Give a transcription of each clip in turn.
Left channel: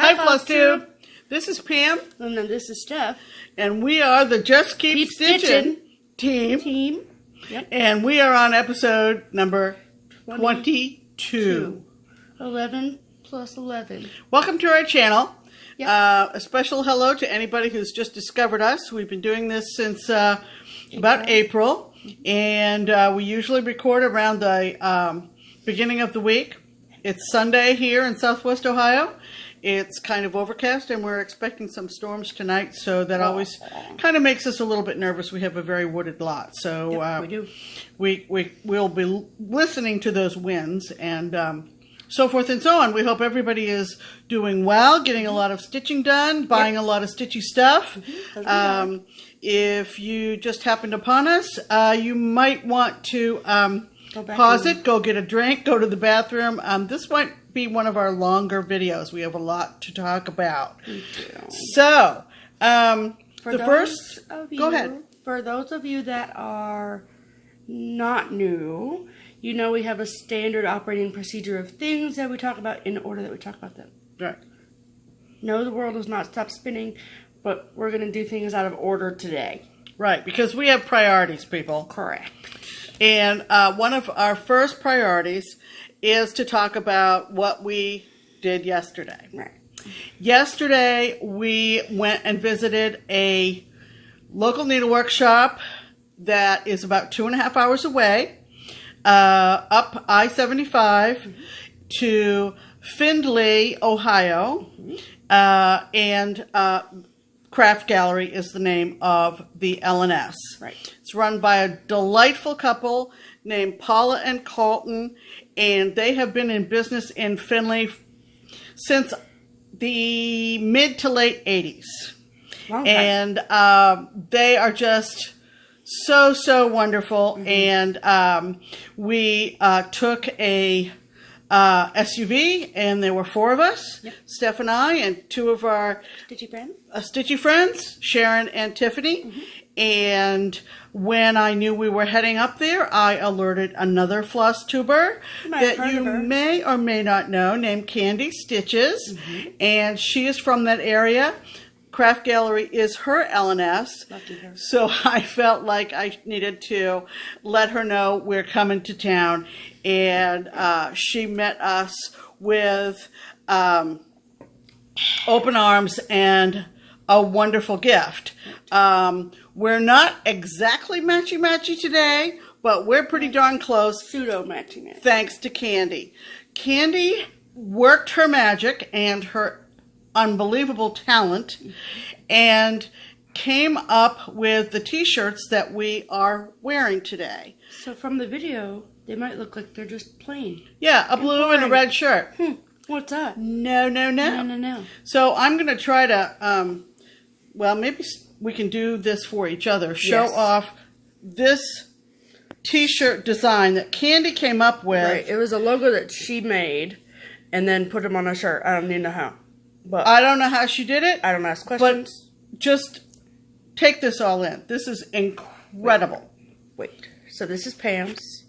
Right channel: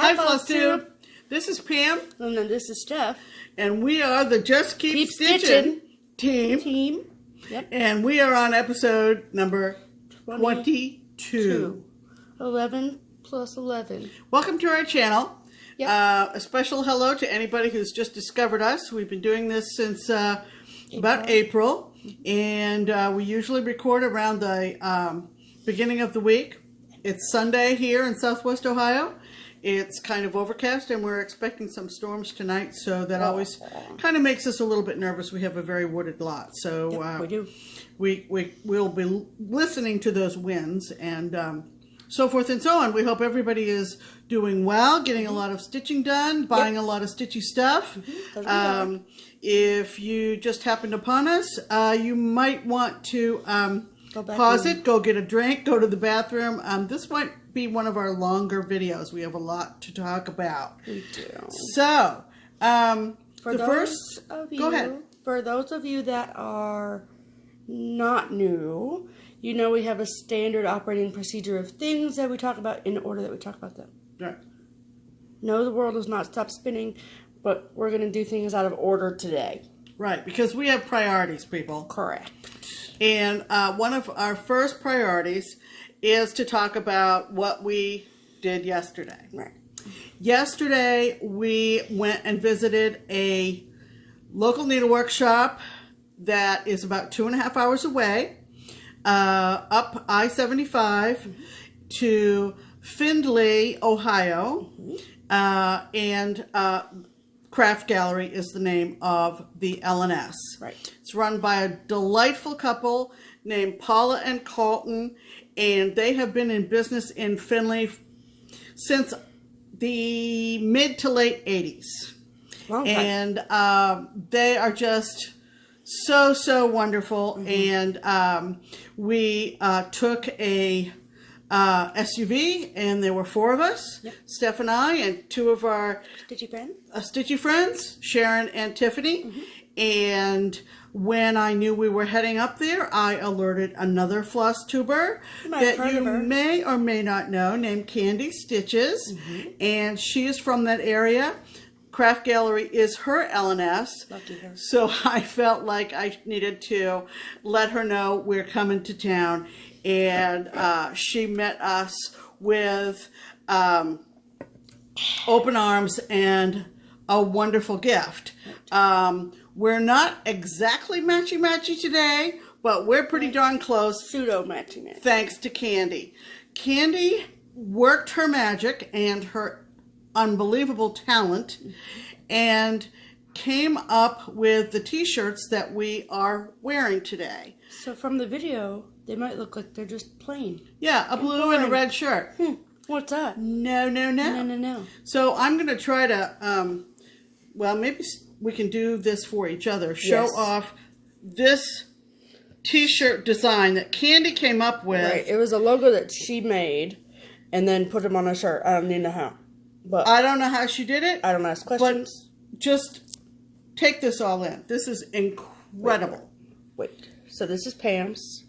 Hi, FlossTube. This is Pam. And then this is Steph. And we are the Just Keep Stitching team. Yep. And we are on episode number 22. 11 plus 11. Welcome to our channel. Yep. A special hello to anybody who's just discovered us. We've been doing this since about April. And we usually record around the beginning of the week. It's Sunday here in Southwest Ohio. It's kind of overcast, and we're expecting some storms tonight, so that always kind of makes us a little bit nervous. We have a very wooded lot, so we do. We'll be listening to those winds and so forth and so on. We hope everybody is doing well, getting a lot of stitching done, buying a lot of stitchy stuff. If you just happened upon us, you might want to pause it, go get a drink, go to the bathroom. This might be one of our longer videos. We have a lot to talk about. We do. So, Go ahead. For those of you that are not new, you know we have a standard operating procedure of things that we talk about in the order that we talk about them. Right. No, the world does not stop spinning, but we're going to do things out of order today. Right, because we have priorities, people. Correct. And one of our first priorities is to talk about what we did yesterday. Right. Yesterday, we went and visited a local needlework shop that is about 2.5 hours away, up I-75 to Findlay, Ohio, and Craft Gallery is the name of the LNS. Right. It's run by a delightful couple named Paula and Colton, and they have been in business in Findlay since the mid to late 80s. Long time. And they are just so wonderful. And we took a SUV, and there were 4 of us, Steph and I, and 2 of our stitchy friends, Sharon and Tiffany. And when I knew we were heading up there, I alerted another FlossTuber that you may or may not know, named Candy Stitches, and she is from that area. Craft Gallery is her LNS, Lucky her. so I felt like I needed to let her know we're coming to town. And she met us with open arms and a wonderful gift. We're not exactly matchy-matchy today, but we're pretty darn close. Pseudo-matching. Thanks to Candy. Candy worked her magic and her unbelievable talent and came up with the t-shirts that we are wearing today. So from the video, they might look like they're just plain. Yeah, a blue and a red shirt. What's that? No. So I'm going to try to, well, maybe we can do this for each other. Show off this t-shirt design that Candy came up with. Right. It was a logo that she made and then put them on a shirt. I don't even know how. But I don't know how she did it. I don't ask questions. But just take this all in. This is incredible. Wait. So this is Pam's.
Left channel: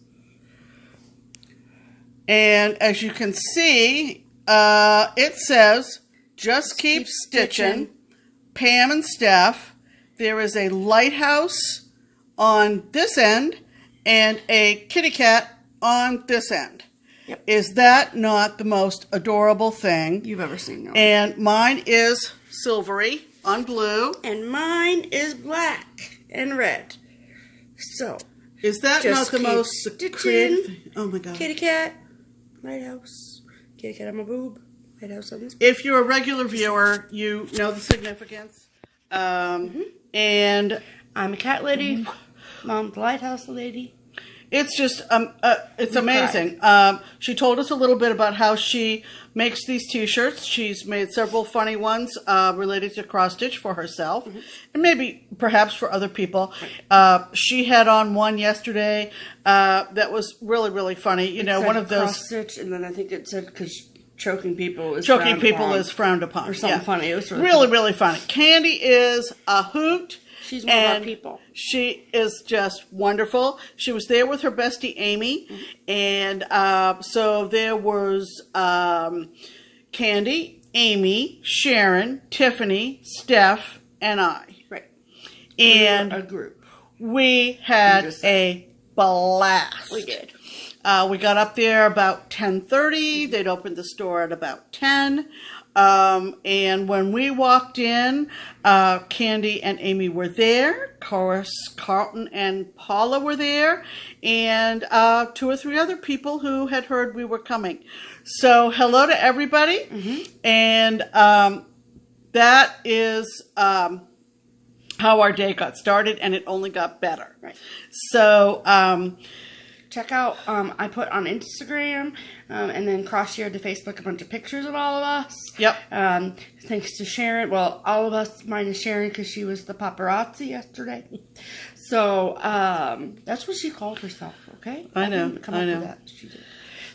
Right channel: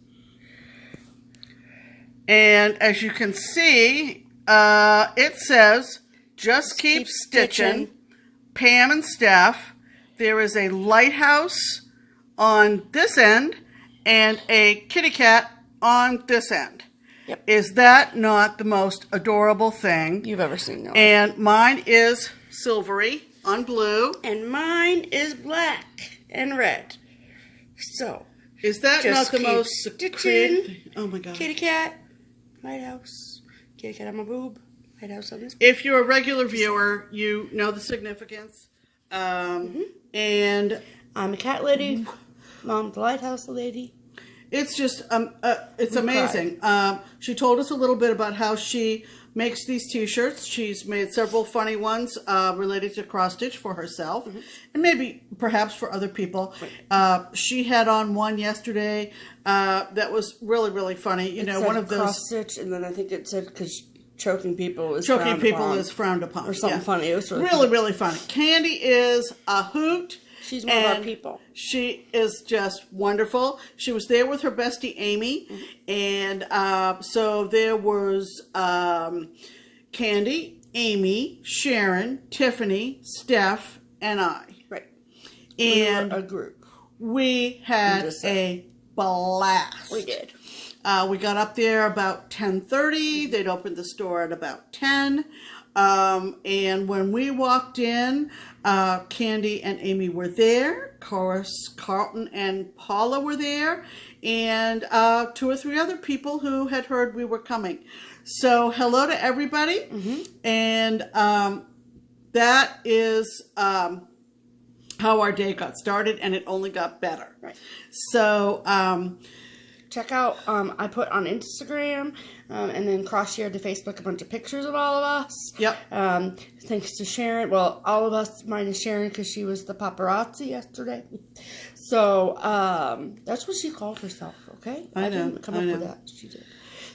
And as you can see, it says, just keep stitching, Pam and Steph. There is a lighthouse on this end and a kitty cat on this end. Yep. Is that not the most adorable thing you've ever seen? No. And mine is silvery on blue. And mine is black and red. So, is that just not the most stitching? Oh my God. Kitty cat, lighthouse, kitty cat on my boob, lighthouse on this. If you're a regular viewer, you know the significance. And I'm a cat lady. Mom's the lighthouse lady. It's just, it's amazing. She told us a little bit about how she makes these t-shirts. She's made several funny ones related to cross stitch for herself, and maybe perhaps for other people. She had on one yesterday that was really funny. You know, one of those cross stitch, and then I think it said because choking people is frowned upon or something funny. It was really funny. Candy is a hoot. She's one of our people. She is just wonderful. She was there with her bestie, Amy. And so there was Candy, Amy, Sharon, Tiffany, Steph, and I. Right. And we were a group. We had a blast. We did. We got up there about 10:30. They'd opened the store at about 10. And when we walked in, Candy and Amy were there. Of course, Carlton and Paula were there. And 2 or 3 other people who had heard we were coming. So hello to everybody. And that is how our day got started, and it only got better. Right. So check out, I put on Instagram and then cross-shared to Facebook a bunch of pictures of all of us. Yep. Thanks to Sharon. Well, all of us minus Sharon because she was the paparazzi yesterday. So that's what she called herself, okay? I know. Didn't come up with that. She did.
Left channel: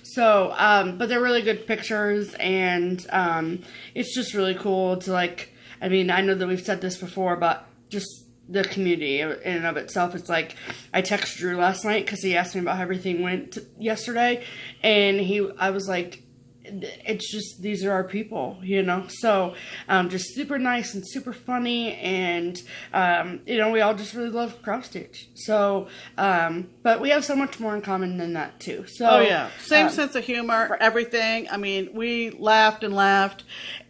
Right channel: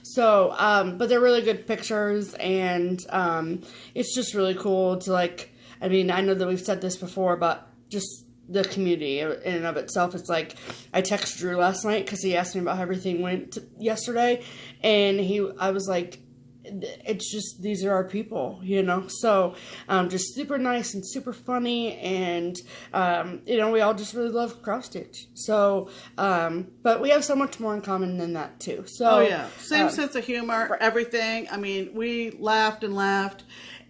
So, but they're really good pictures, and it's just really cool to, like, I mean, I know that we've said this before, but just the community in and of itself. It's like, I texted Drew last night because he asked me about how everything went yesterday, and I was like, it's just, these are our people, you know? So, just super nice and super funny, and, you know, we all just really love cross stitch. So, but we have so much more in common than that, too. So, oh, yeah. Same sense of humor, everything. I mean, we laughed and laughed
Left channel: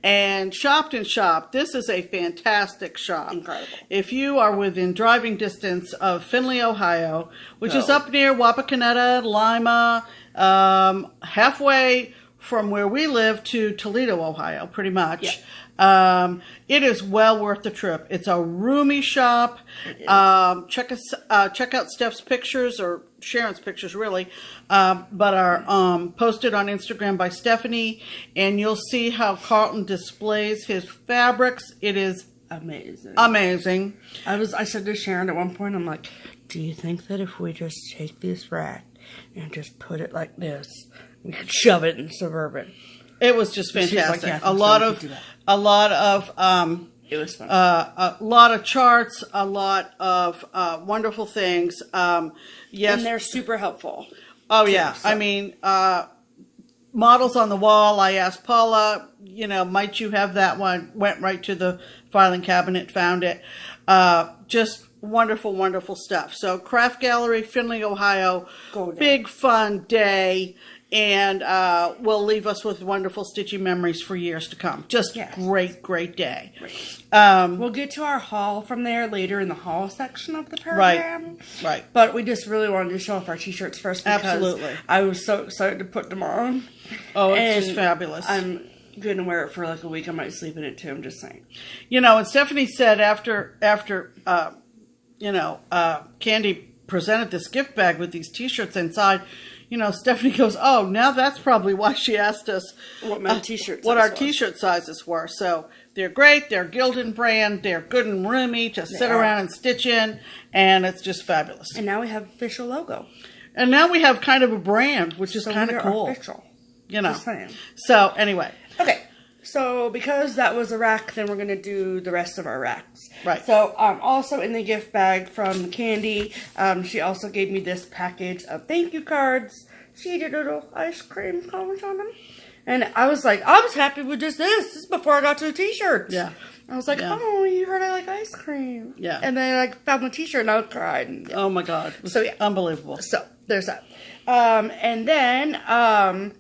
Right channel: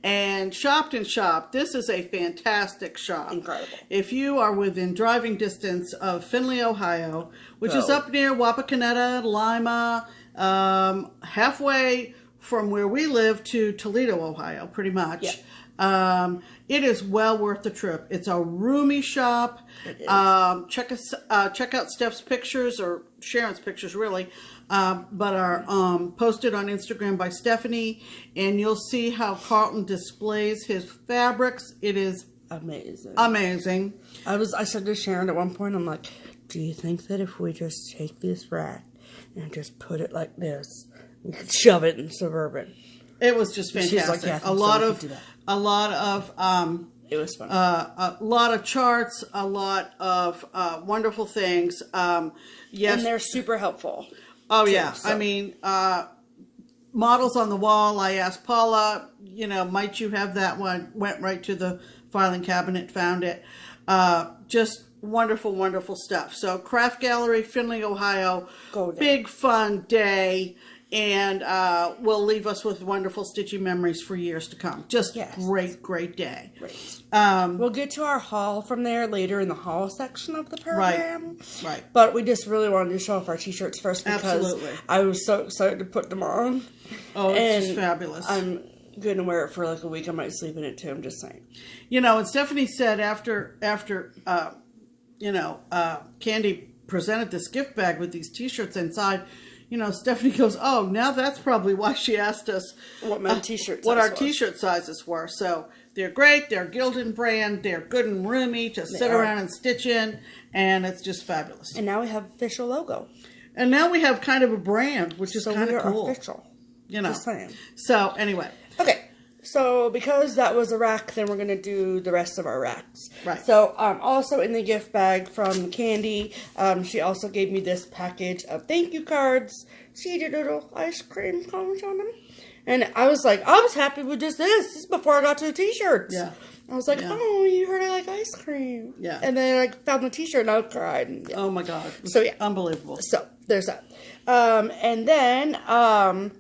and shopped and shopped. This is a fantastic shop. Incredible. If you are within driving distance of Findlay, Ohio, which is up near Wapakoneta, Lima, halfway from where we live to Toledo, Ohio, pretty much. Yeah. It is well worth the trip. It's a roomy shop. It is. Check out Steph's pictures, or Sharon's pictures, really, but are posted on Instagram by Stephanie, and you'll see how Carlton displays his fabrics. It is amazing. Amazing. I said to Sharon at one point, I'm like, do you think that if we just take this rack and just put it like this, we could shove it in Suburban? It was just fantastic. Like, yeah, a lot of it was fun. A lot of charts, a lot of wonderful things. Yes, and they're super helpful. Oh, yeah. So. I mean, models on the wall. I asked Paula, you know, might you have that one? Went right to the filing cabinet, found it. Just wonderful, wonderful stuff. So Craft Gallery, Findlay, Ohio. Go there. Big fun day. And will leave us with wonderful stitching memories for years to come. Just great, great day. Right. We'll get to our haul from there later in the haul section of the program. Right. But we just really wanted to show off our t-shirts first because I was so excited to put them on. Oh, it's just fabulous. I'm going to wear it for like a week. I might sleep in it too. I'm just saying. You know, and Stephanie said after Candy presented this gift bag with these t-shirts inside, you know, Stephanie goes, oh, now that's probably why she asked us what our t-shirt sizes were. So they're great. They're Gildan brand. They're good and roomy to sit around and stitch in, and it's just fabulous. And now we have official logo. And now we have kind of a brand, which is kind of cool. Official. You know. Just saying. So anyway. Okay. So because that was a rack, then we're going to do the rest of our racks. Right. So also in the gift bag from Candy, she also gave me this package of thank you cards. She did a little ice cream comments on them. And I was like, I was happy with just this. This is before I got to the t-shirts. Yeah. I was like, oh, you heard I like ice cream. Yeah. And then I found the t-shirt and I cried. And, oh my God. So yeah. Unbelievable. So there's that. And then...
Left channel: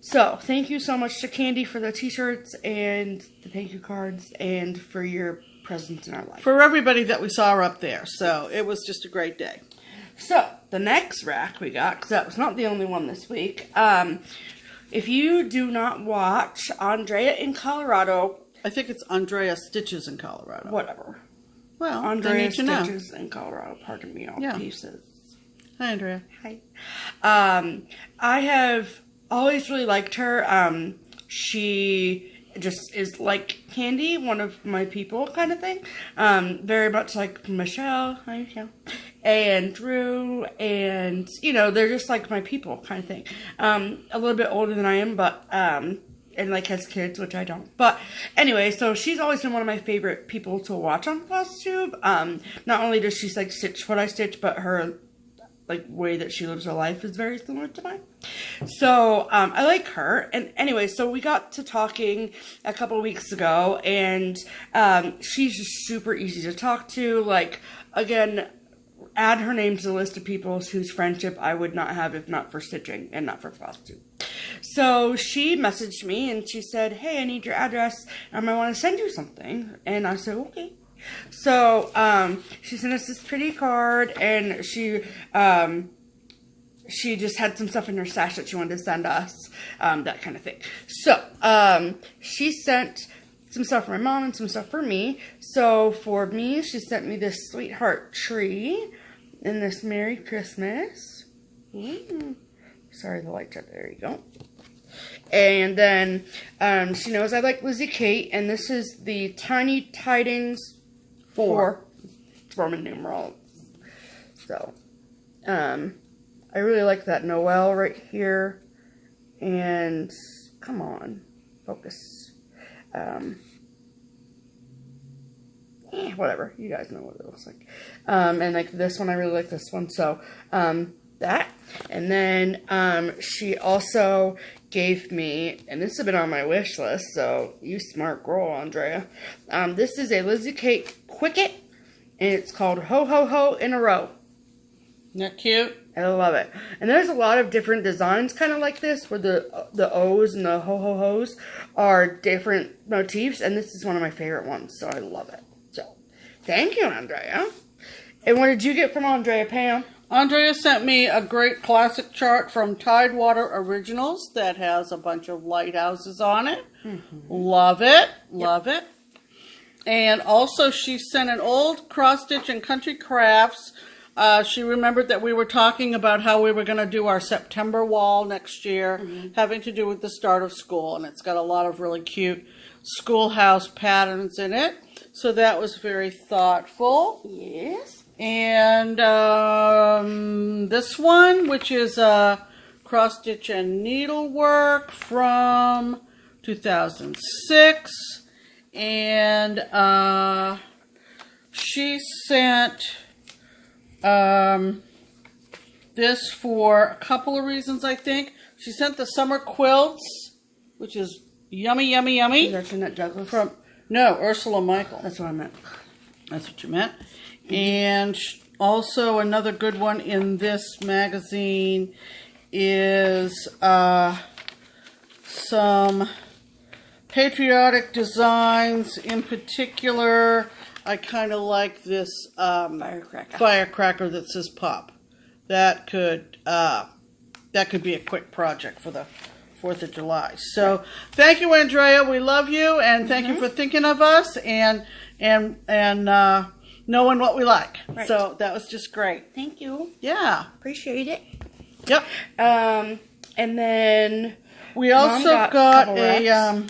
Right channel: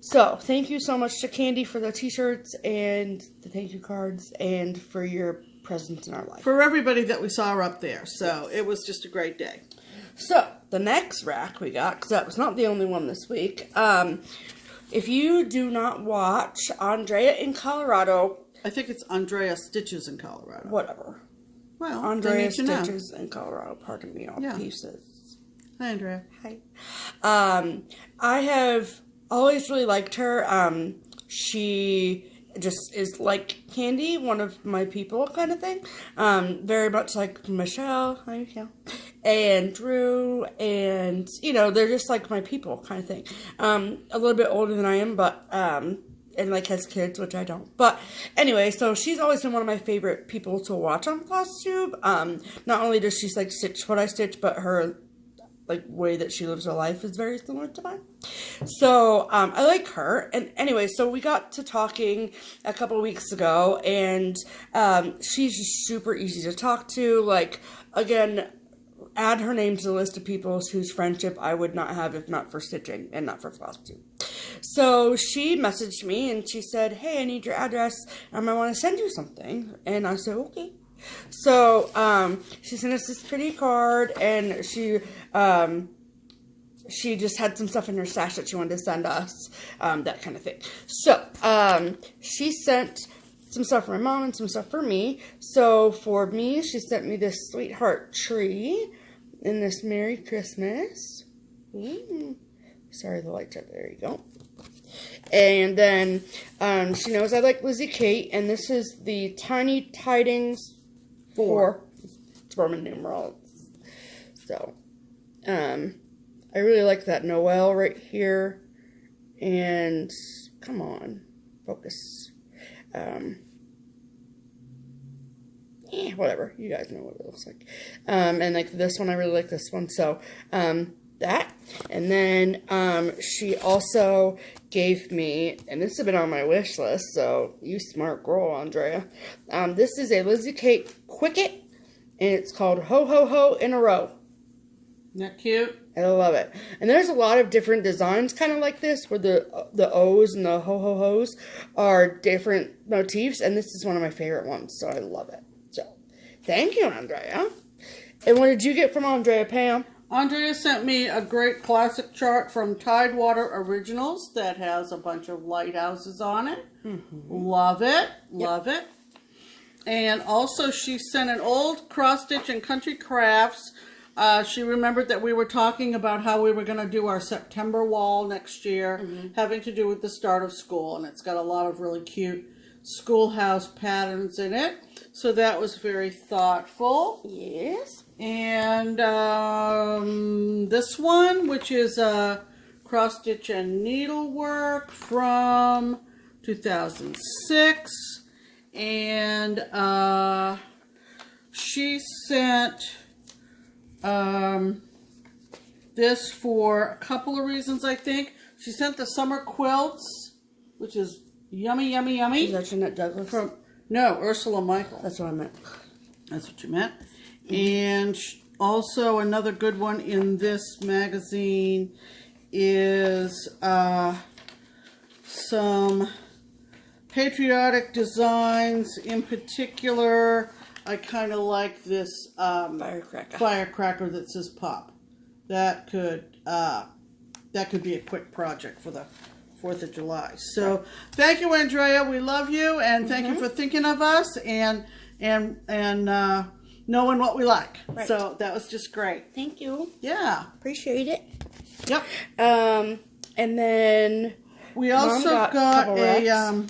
So, thank you so much to Candy for the t-shirts and the thank you cards and for your presence in our life. For everybody that we saw up there. So, it was just a great day. So, the next rack we got, because that was not the only one this week. If you do not watch Andrea in Colorado... I think it's Andrea Stitches in Colorado. Whatever. Well, Andrea Stitches in Colorado. Pardon me, all pieces. Hi, Andrea. Hi. I have... always really liked her. She just is like Candy, one of my people kind of thing. Very much like Michelle, and Drew, and, you know, they're just like my people kind of thing. A little bit older than I am, but, and like has kids, which I don't. But anyway, so she's always been one of my favorite people to watch on FlossTube. Not only does she like stitch what I stitch, but her like way that she lives her life is very similar to mine. So I like her. And anyway, so we got to talking a couple of weeks ago, and she's just super easy to talk to. Like, again, add her name to the list of people whose friendship I would not have if not for stitching and not for FlossTube. So she messaged me and she said, "Hey, I need your address. I want to send you something." And I said, "Okay." So she sent us this pretty card, and she just had some stuff in her stash that she wanted to send us, that kind of thing. So she sent some stuff for my mom and some stuff for me. So for me, she sent me this sweetheart tree and this Merry Christmas. Sorry, the lights are there. You go. And then she knows I like Lizzie Kate, and this is the Tiny Tidings 4 Roman numerals. So I really like that Noel right here. And come on, focus. Whatever, you guys know what it looks like. And like this one, I really like this one. So that, and then she also gave me, and this has been on my wish list, so you smart girl, Andrea. This is a Lizzie Kate Quicket, and it's called Ho Ho Ho in a Row. Isn't that cute? I love it. And there's a lot of different designs kind of like this, where the O's and the Ho Ho Ho's are different motifs, and this is one of my favorite ones, so I love it. So, thank you, Andrea. And what did you get from Andrea, Pam? Andrea sent me a great classic chart from Tidewater Originals that has a bunch of lighthouses on it. Love it. Love it. And also she sent an old cross stitch and country crafts. She remembered that we were talking about how we were going to do our September wall next year, having to do with the start of school. And it's got a lot of really cute schoolhouse patterns in it. So that was very thoughtful. Yes. And this one, which is cross stitch and needlework from 2006. And she sent this for a couple of reasons, I think. She sent the summer quilts, which is yummy, yummy, yummy. Is that Jeanette Douglas? No, Ursula Michael. That's what I meant. That's what you meant. And also another good one in this magazine is some patriotic designs. In particular, I kind of like this firecracker that says "Pop." That could be a quick project for the 4th of July. So thank you, Andrea. We love you, and thank you for thinking of us and knowing what we like. Right. So that was just great. Thank you. Yeah. Appreciate it. Yep. And then we also got a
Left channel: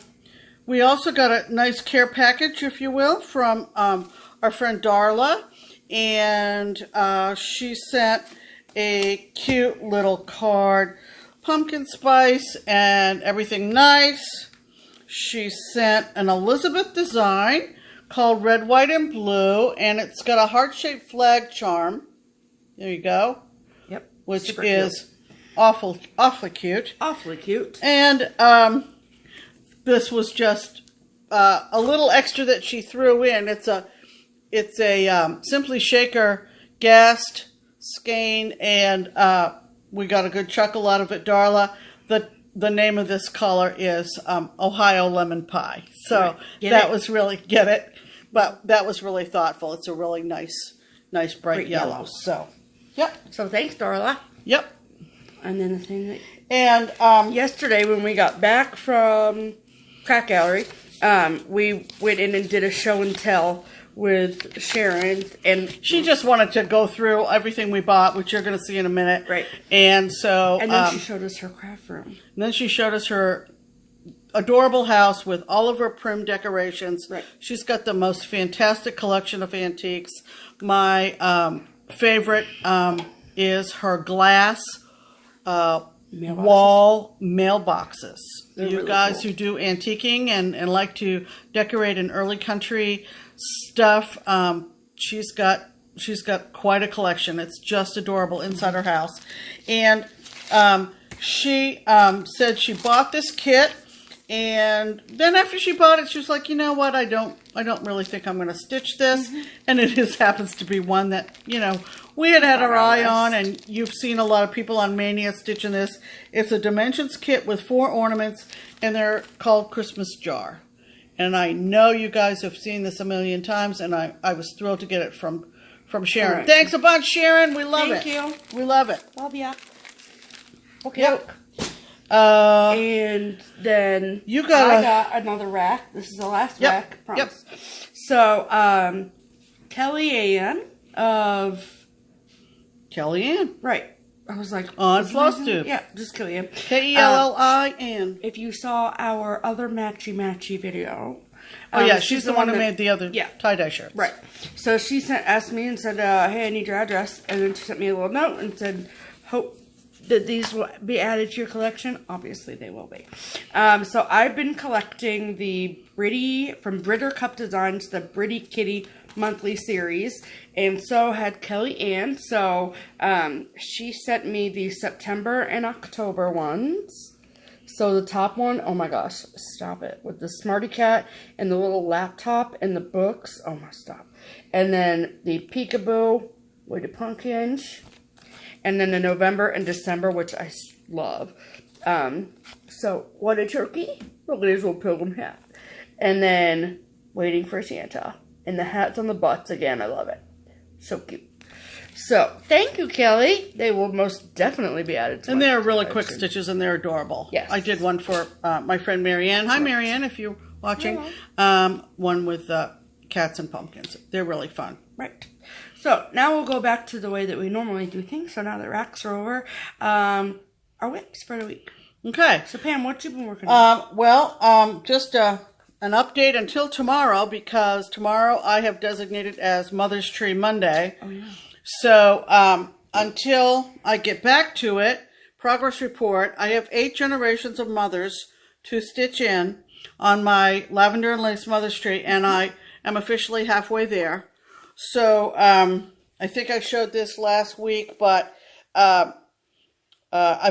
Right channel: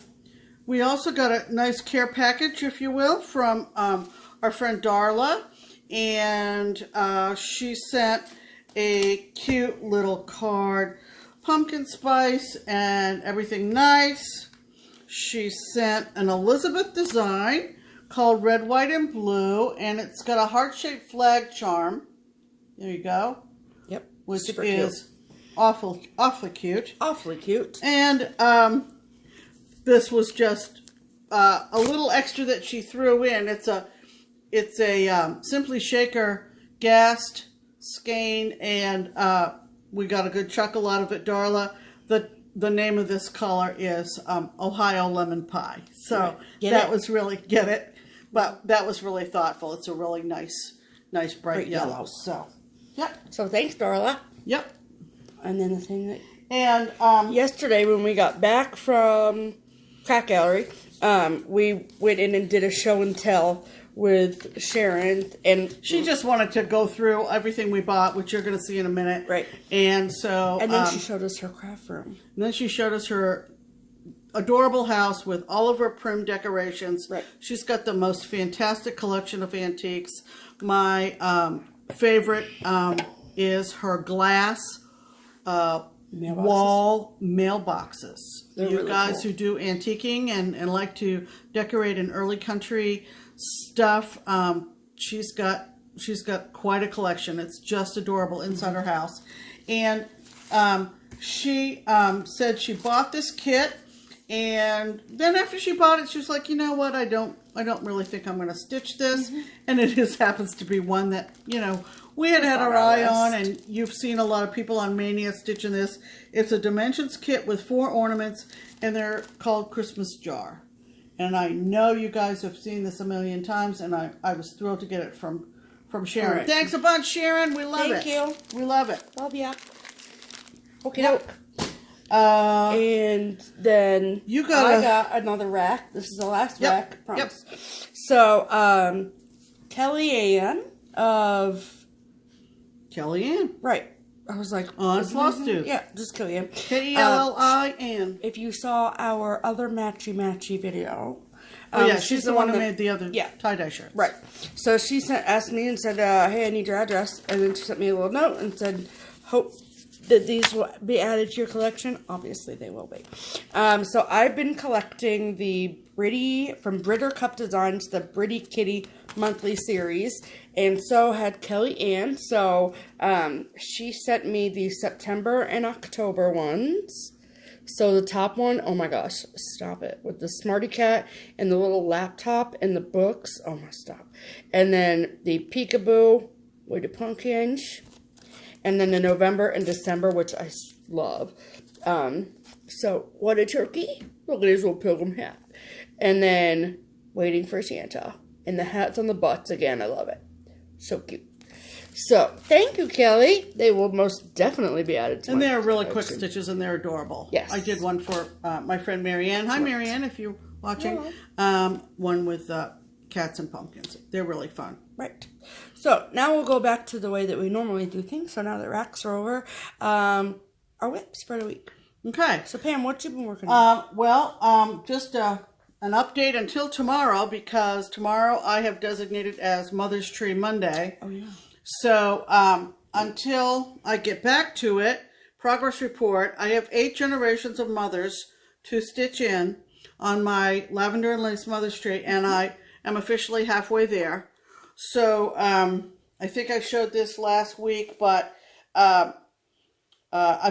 nice care package, if you will, from our friend Darla, and she sent a cute little card, pumpkin spice and everything nice. She sent an Elizabeth design called Red, White, and Blue, and it's got a heart-shaped flag charm. There you go. Yep. Which super is cute. awfully cute. Awfully cute. And this was just a little extra that she threw in. It's a Simply Shaker gassed skein, and we got a good chuckle out of it, Darla. The name of this color is Ohio Lemon Pie. So that was really, get it? But that was really thoughtful. It's a really nice bright yellow. So, yep. So thanks, Darla. Yep. And then the thing that... And yesterday when we got back from Craft Gallery, we went in and did a show and tell with Sharon, and she just wanted to go through everything we bought, which you're going to see in a minute. Right. And so... And then she showed us her craft room. And then she showed us her adorable house with all of her prim decorations. Right. She's got the most fantastic collection of antiques. My favorite is her glass wall mailboxes. They're you really guys cool. who do antiquing and like to decorate in early country stuff, she's got she's got quite a collection. It's just adorable inside her house. And she said she bought this kit, and then after she bought it, she was like, you know what, I don't really think I'm going to stitch this. And it just happens to be one that, you know, we had our eye on, and you've seen a lot of people on Mania stitching this. It's a Dimensions kit with 4 ornaments, and they're called Christmas Jar. And I know you guys have seen this a million times, and I was thrilled to get it from Sharon. Right. Thanks a bunch, Sharon. We love it. Thank you. We love it. Love ya. Okay. Yep. And then I got another rack. This is the last rack, I promise. Yep. So, Kellyanne of... Kellyanne. Right. I was like... On FlossTube. Yeah, just Kellyanne. Kellin. If you saw our other matchy video... Oh, yeah, she's the one who made the other tie-dye shirts. Right. So she asked me and said, hey, I need your address. And then she sent me a little note and said, hope that these will be added to your collection. Obviously, they will be. So I've been collecting the from Britter Cup Designs, the Britty Kitty monthly series. And so had Kellyanne. So she sent me the September and October ones. So the top one, oh my gosh, stop it. With the Smarty Cat and the little laptop and the books. Oh my, stop. And then the Peekaboo with the pumpkins. And then the November and December, which I love. So, what a turkey. Look at his little pilgrim hat. And then Waiting for Santa. And the hats on the butts again. I love it. So cute. So, thank you, Kelly. They will most definitely be added to And they're really quick stitches, and they're adorable. Yes. I did one for my friend Marianne. Hi, Marianne, if you're watching. One with cats and pumpkins. They're really fun. Right. So, now we'll go back to the way that we normally do things. So, now that racks are over, our wicks for the week. Okay. So, Pam, what you been working on? Just an update until tomorrow, because tomorrow I have designated as Mother's Tree Monday. Oh, yeah. So, until I get back to it, progress report, I have 8 generations of mothers to stitch in on my Lavender and Lace Mother's Tree, and I am officially halfway there. So, I think I showed this last week, but I've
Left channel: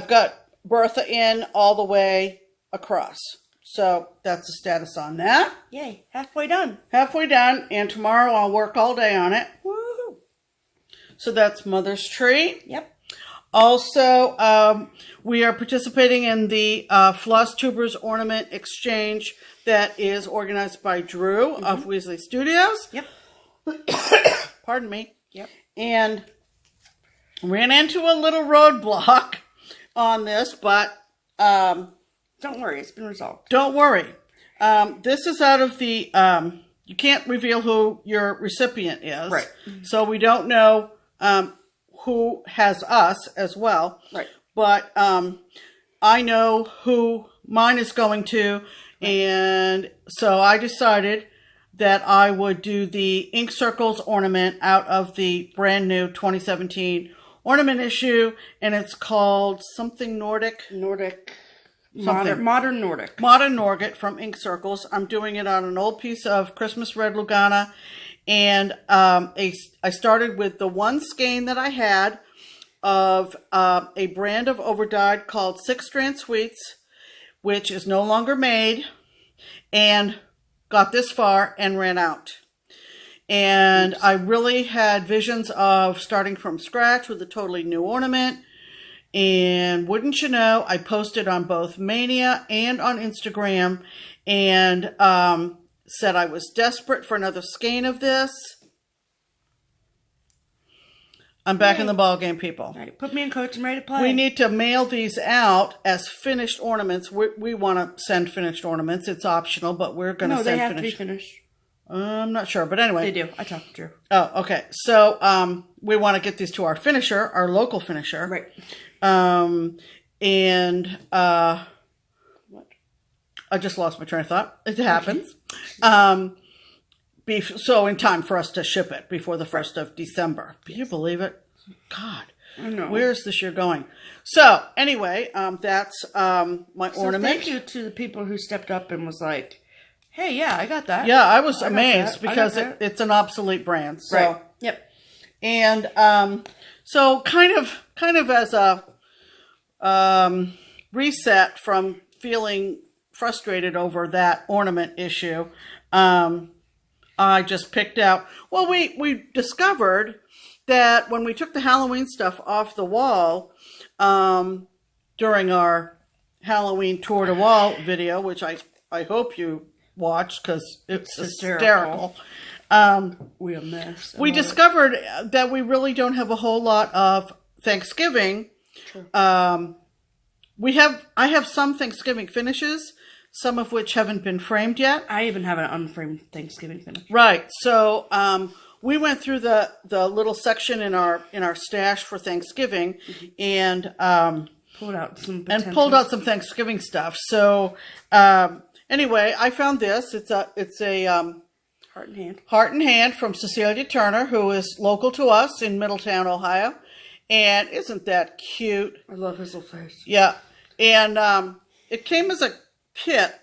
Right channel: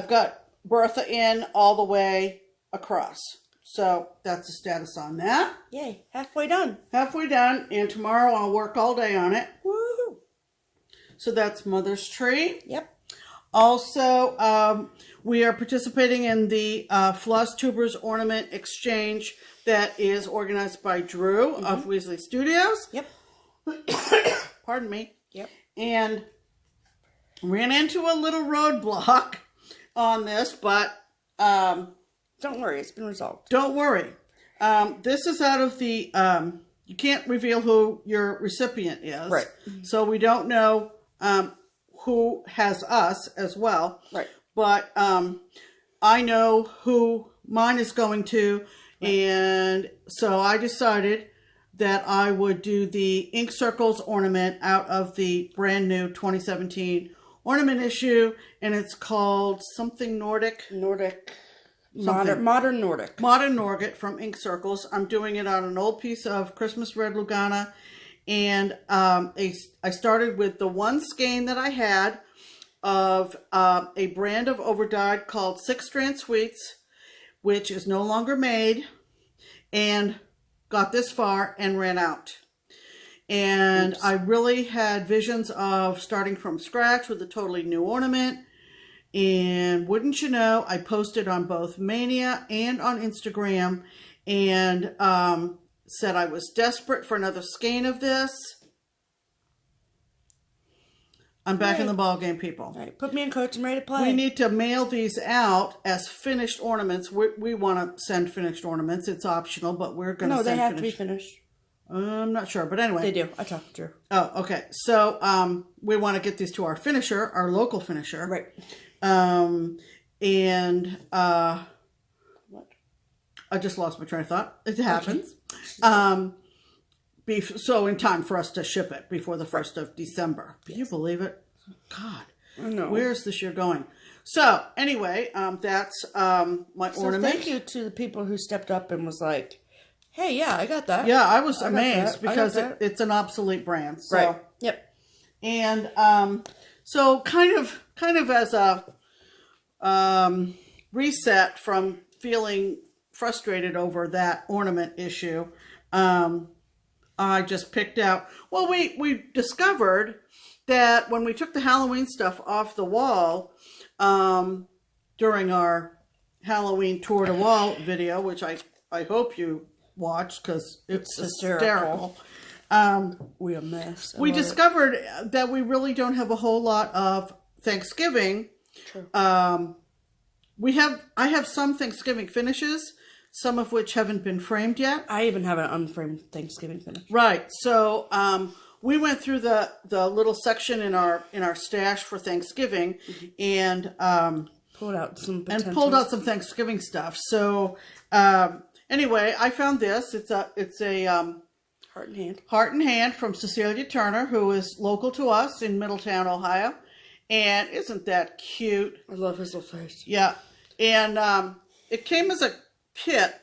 got Bertha in all the way across. So, that's the status on that. Yay, halfway done. Halfway done, and tomorrow I'll work all day on it. Woohoo! So that's Mother's Tree. Yep. Also, we are participating in the FlossTubers Ornament Exchange that is organized by Drew of Weasley Studios. Yep. Pardon me. Yep. And ran into a little roadblock on this, but... don't worry, it's been resolved. Don't worry. This is out of the... you can't reveal who your recipient is. Right. So we don't know... who has us as well. Right. But I know who mine is going to, and so I decided that I would do the Ink Circles ornament out of the brand new 2017 ornament issue, and it's called something Nordic. Modern Nordic. Modern Nordic from Ink Circles. I'm doing it on an old piece of Christmas Red Lugana. And I started with the one skein that I had of a brand of overdyed called 6 Strand Sweets, which is no longer made, and got this far and ran out. And I really had visions of starting from scratch with a totally new ornament. And wouldn't you know, I posted on both Mania and on Instagram, and said I was desperate for another skein of this. I'm back in the ballgame, people. All right, put me in, coach. I'm ready to play. We need to mail these out as finished ornaments. We want to send finished ornaments. It's optional, but we're going to send finished. No, they have to be finished. I'm not sure, but anyway. They do. I talked to Drew. Oh, okay. So we want to get these to our finisher, our local finisher. Right. What? I just lost my train of thought. It happens. So in time for us to ship it before the 1st of December. Can you believe it? God. I know. Where's this year going? So anyway, that's my ornament. Thank you to the people who stepped up and was like, hey, yeah, I got that. Yeah, I was amazed because it's an obsolete brand. So. Right. Yep. And so kind of as a reset from feeling frustrated over that ornament issue, I just picked out, well, we discovered that when we took the Halloween stuff off the wall during our Halloween tour de wall video, which I hope you watched because it's hysterical. We a mess. We discovered that we really don't have a whole lot of Thanksgiving. True. I have some Thanksgiving finishes, some of which haven't been framed yet. I even have an unframed Thanksgiving finish. Right. So we went through the little section in our stash for Thanksgiving, and pulled out some Thanksgiving stuff. So anyway, I found this. It's a Heart in Hand from Cecilia Turner, who is local to us in Middletown, Ohio. And isn't that cute? I love his little face. Yeah. And it came as a kit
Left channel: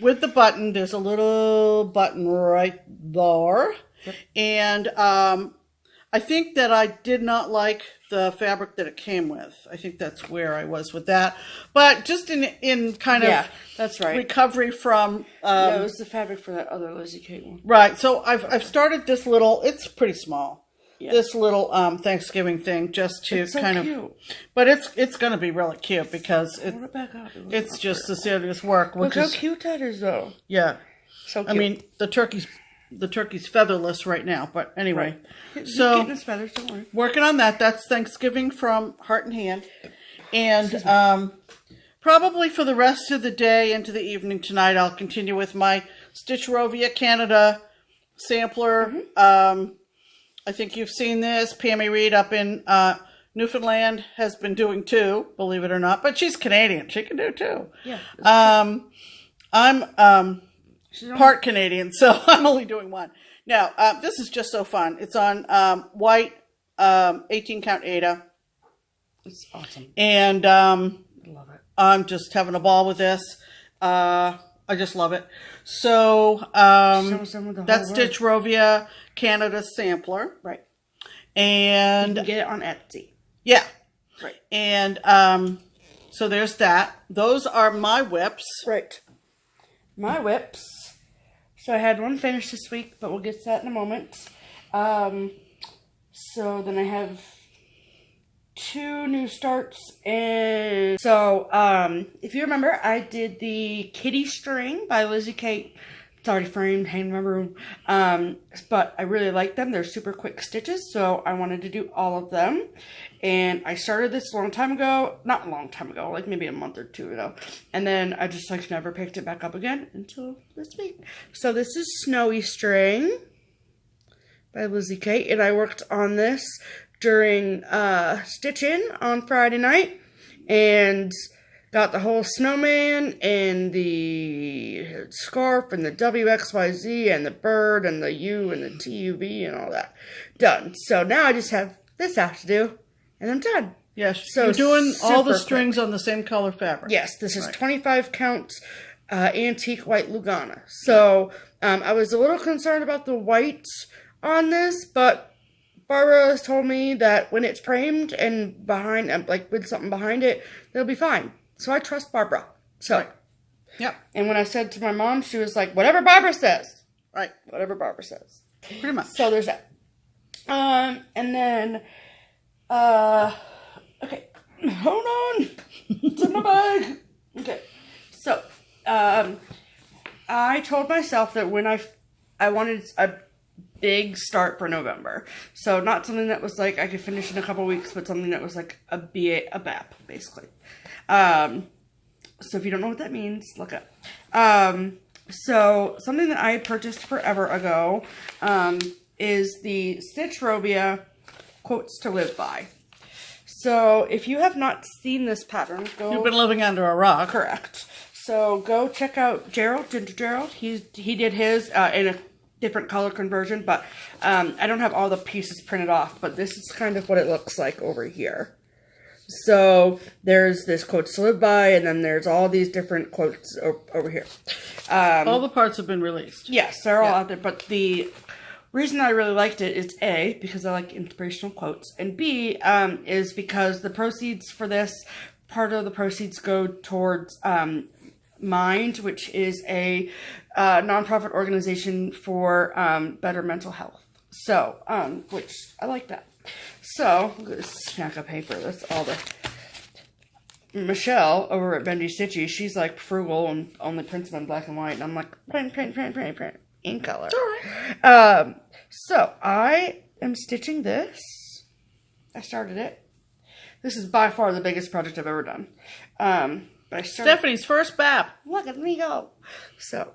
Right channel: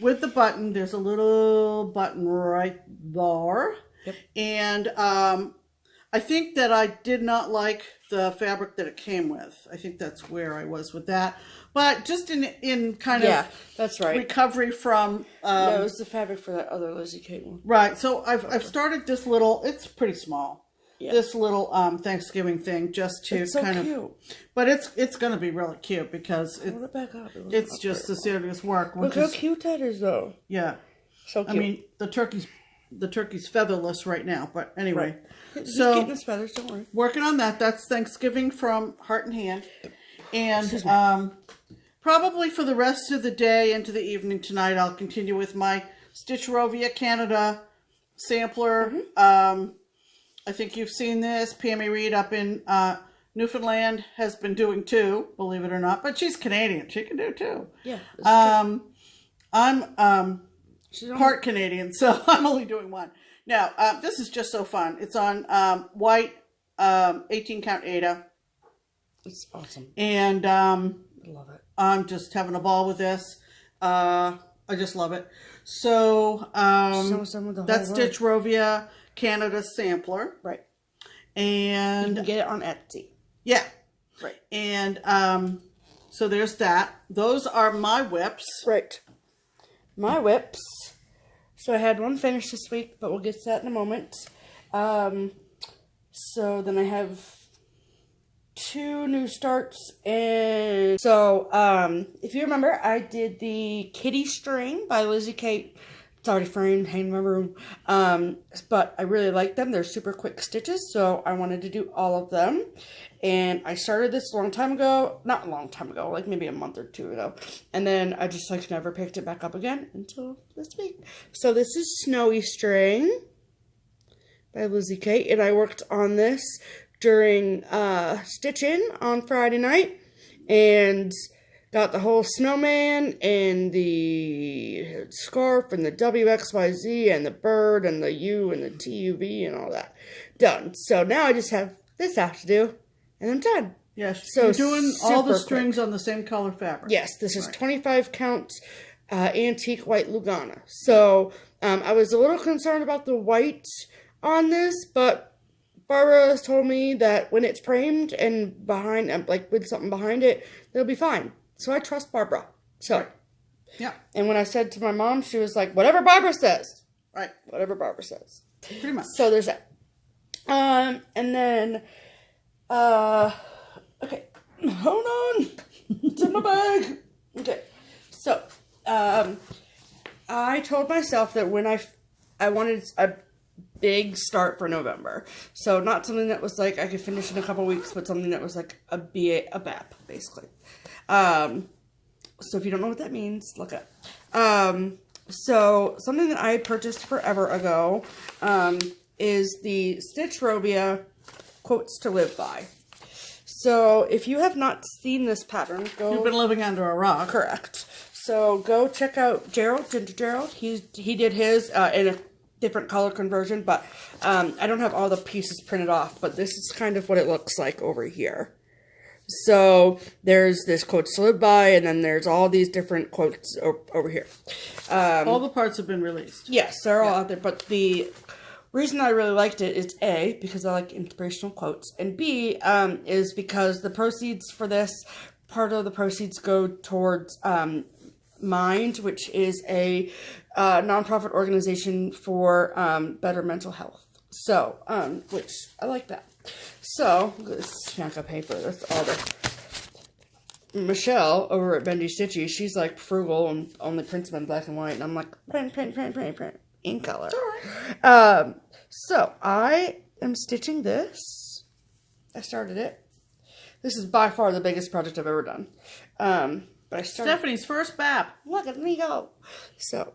with the button. There's a little button right there. Yep. And I think that I did not like the fabric that it came with. I think that's where I was with that. But just in kind of that's right. recovery from... it was the fabric for that other Lizzie Kate one. Right. So I've started this little... It's pretty small. Yeah. This little Thanksgiving thing just to it's so kind cute. of... But it's going to be really cute because Hold it back up. It's just Cecilia's work. Look how cute that is, though. Yeah. So cute. I mean, the turkey's featherless right now, but anyway. Right. He's So getting his feathers, don't worry. Working on that. That's Thanksgiving from Heart in Hand. And probably for the rest of the day into the evening tonight, I'll continue with my Stitch Rovia Canada sampler. I think you've seen this. Pammy Reed up in Newfoundland has been doing too, believe it or not. But she's Canadian. She can do too. Yeah. I'm part Canadian, so I'm only doing one. Now, this is just so fun. It's on white 18 count Aida. It's awesome. And love it. I'm just having a ball with this. I just love it. So that's Stitch Rovia Canada sampler. Right. And you can get it on Etsy. Yeah. Right. And so there's that. Those are my whips. Right. My whips. So I had one finished this week, but we'll get to that in a moment. So then I have 2 new starts. And so if you remember, I did the Kitty String by Lizzie Kate. It's already framed, hanging in my room. But I really like them. They're super quick stitches, so I wanted to do all of them. And I started this a long time ago. Not a long time ago, like maybe a month or 2 ago. And then I just like never picked it back up again until this week. So this is Snowy String by Lizzie Kate. And I worked on this during stitching on Friday night. And got the whole snowman and the scarf and the WXYZ and the bird and the U and the TUV and all that done. So now I just have this half to do. And I'm done. Yes. So you're doing all the strings on the same color fabric. Yes. This is 25 count antique white Lugana. So I was a little concerned about the white on this, but Barbara has told me that when it's framed and behind, like with something behind it, it'll be fine. So I trust Barbara. So. Right. Yeah. And when I said to my mom, she was like, whatever Barbara says. Right. Whatever Barbara says. Pretty much. So there's that. And then... okay, hold on, it's in my bag. Okay, so, I told myself that when I wanted a big start for November, so not something that was like I could finish in a couple weeks, but something that was like a BAP, basically. So if you don't know what that means, look it up. So something that I purchased forever ago, is the Stitch Rovia Quotes to Live By. So if you have not seen this pattern, go... You've been living under a rock. Correct. So go check out Gerald, Ginger Gerald. He did his in a different color conversion, but I don't have all the pieces printed off, but this is kind of what it looks like over here. So there's this Quotes to Live By, and then there's all these different quotes over here. All the parts have been released. Yes, they're all out there, but the reason I really liked it is A, because I like inspirational quotes, and B, is because the proceeds for this, part of the proceeds go towards Mind, which is a nonprofit organization for better mental health. So, which I like that. So, look at this stack of paper. That's all the... Michelle over at Bendy Stitchy, she's like frugal and only prints them in black and white, and I'm like, print, in color. So, I am stitching this. I started it. This is by far the biggest project I've ever done. But I started... Stephanie's first BAP. Look at me go. So,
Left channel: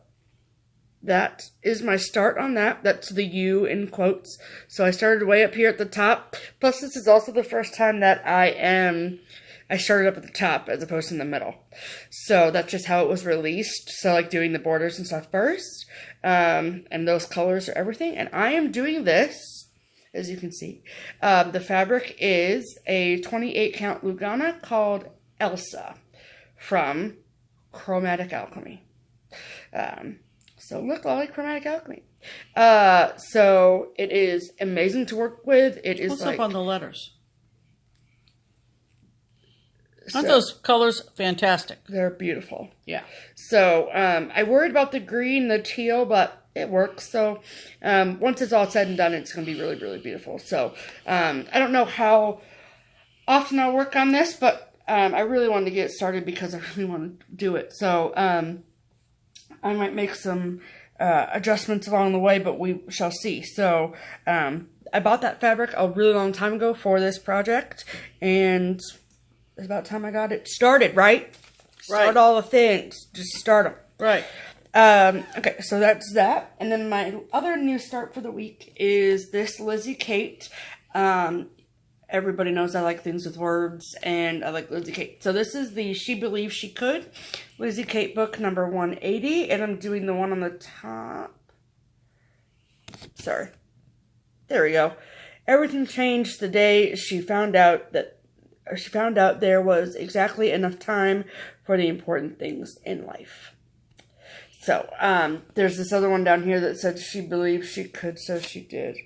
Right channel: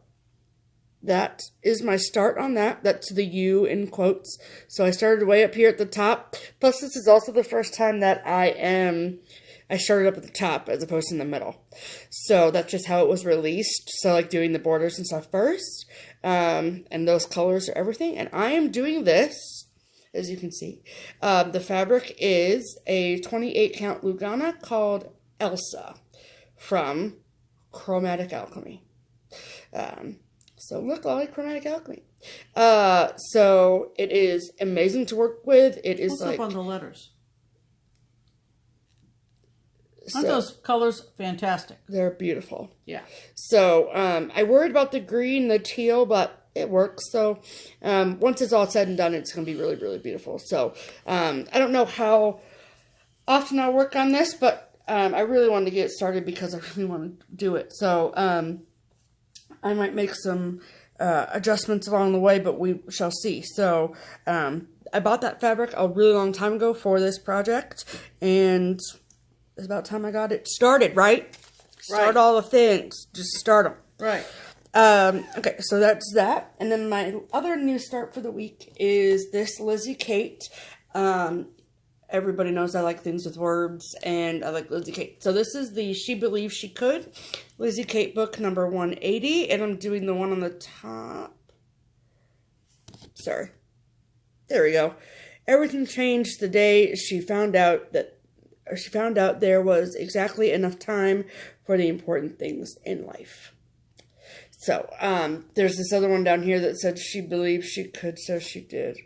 that is my start on that. That's the U in quotes. So, I started way up here at the top. Plus, this is also the first time that I started up at the top as opposed to in the middle. So, that's just how it was released. So, like, doing the borders and stuff first. And those colors are everything. And I am doing this, as you can see. The fabric is a 28 count Lugana called Elsa from Chromatic Alchemy. So look like Chromatic Alchemy. So it is amazing to work with. It is What's like... up on the letters? Aren't those colors fantastic? They're beautiful. Yeah. So I worried about the green, the teal, but it works. So once it's all said and done, it's going to be really, really beautiful. So I don't know how often I'll work on this, but I really wanted to get it started because I really want to do it. So I might make some adjustments along the way, but we shall see. So I bought that fabric a really long time ago for this project, and it's about time I got it started, right? Start all the things. Just start them. Right. Okay, so that's that. And then my other new start for the week is this Lizzie Kate. Everybody knows I like things with words, and I like Lizzie Kate. So this is the She Believes She Could Lizzie Kate book number 180, and I'm doing the one on the top. Sorry. There we go. Everything changed the day she found out there was exactly enough time for the important things in life. So, there's this other one down here that said she believed she could, so she did.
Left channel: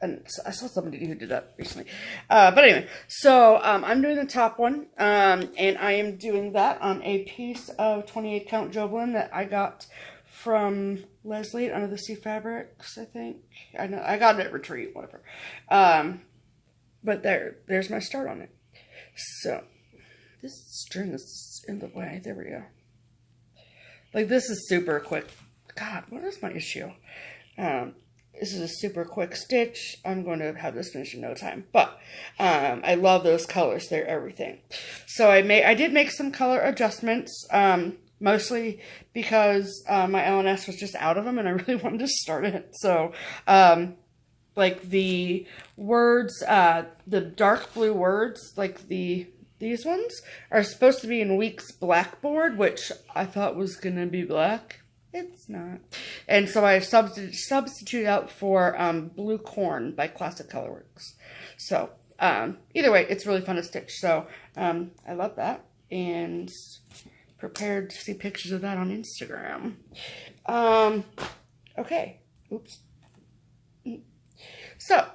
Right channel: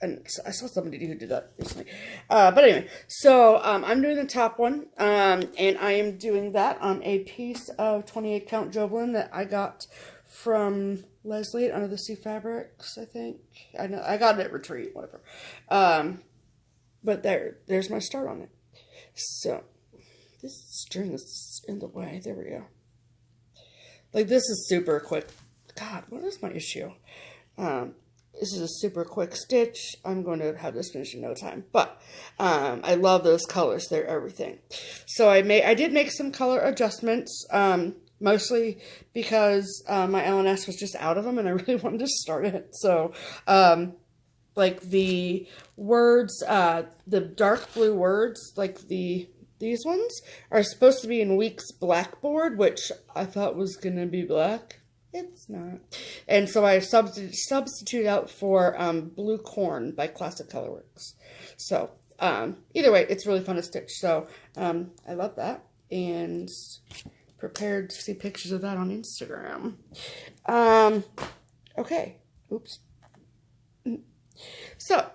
And I saw somebody who did that recently. But anyway, so I'm doing the top one, and I am doing that on a piece of 28 count Joblin that I got from Leslie at Under the Sea Fabrics, I think. I know I got it at Retreat, whatever. But there's my start on it. So, this string is in the way. There we go. Like, this is super quick. God, what is my issue? This is a super quick stitch. I'm going to have this finished in no time. But, I love those colors. They're everything. So, I did make some color adjustments. Mostly because my LNS was just out of them and I really wanted to start it. So, like the words, the dark blue words, like these ones, are supposed to be in Week's Blackboard, which I thought was going to be black. It's not. And so I substitute out for Blue Corn by Classic Colorworks. So, either way, it's really fun to stitch. So, I love that. And prepared to see pictures of that on Instagram. Okay. Oops. So,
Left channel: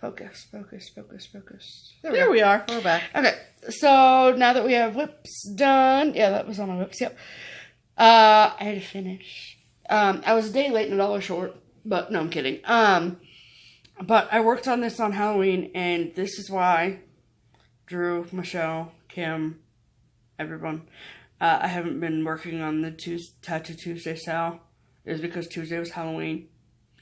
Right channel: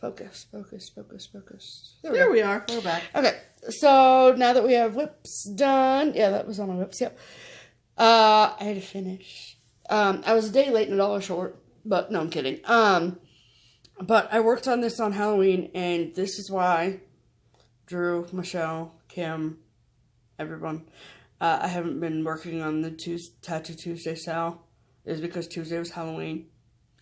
focus. There we are. We're back. Okay, so now that we have whips done, yeah, that was on my whips, yep. I had to finish. I was a day late and $1 short, but no, I'm kidding. But I worked on this on Halloween, and this is why Drew, Michelle, Kim, everyone, I haven't been working on the Tattoo Tuesday sale. It was because Tuesday was Halloween.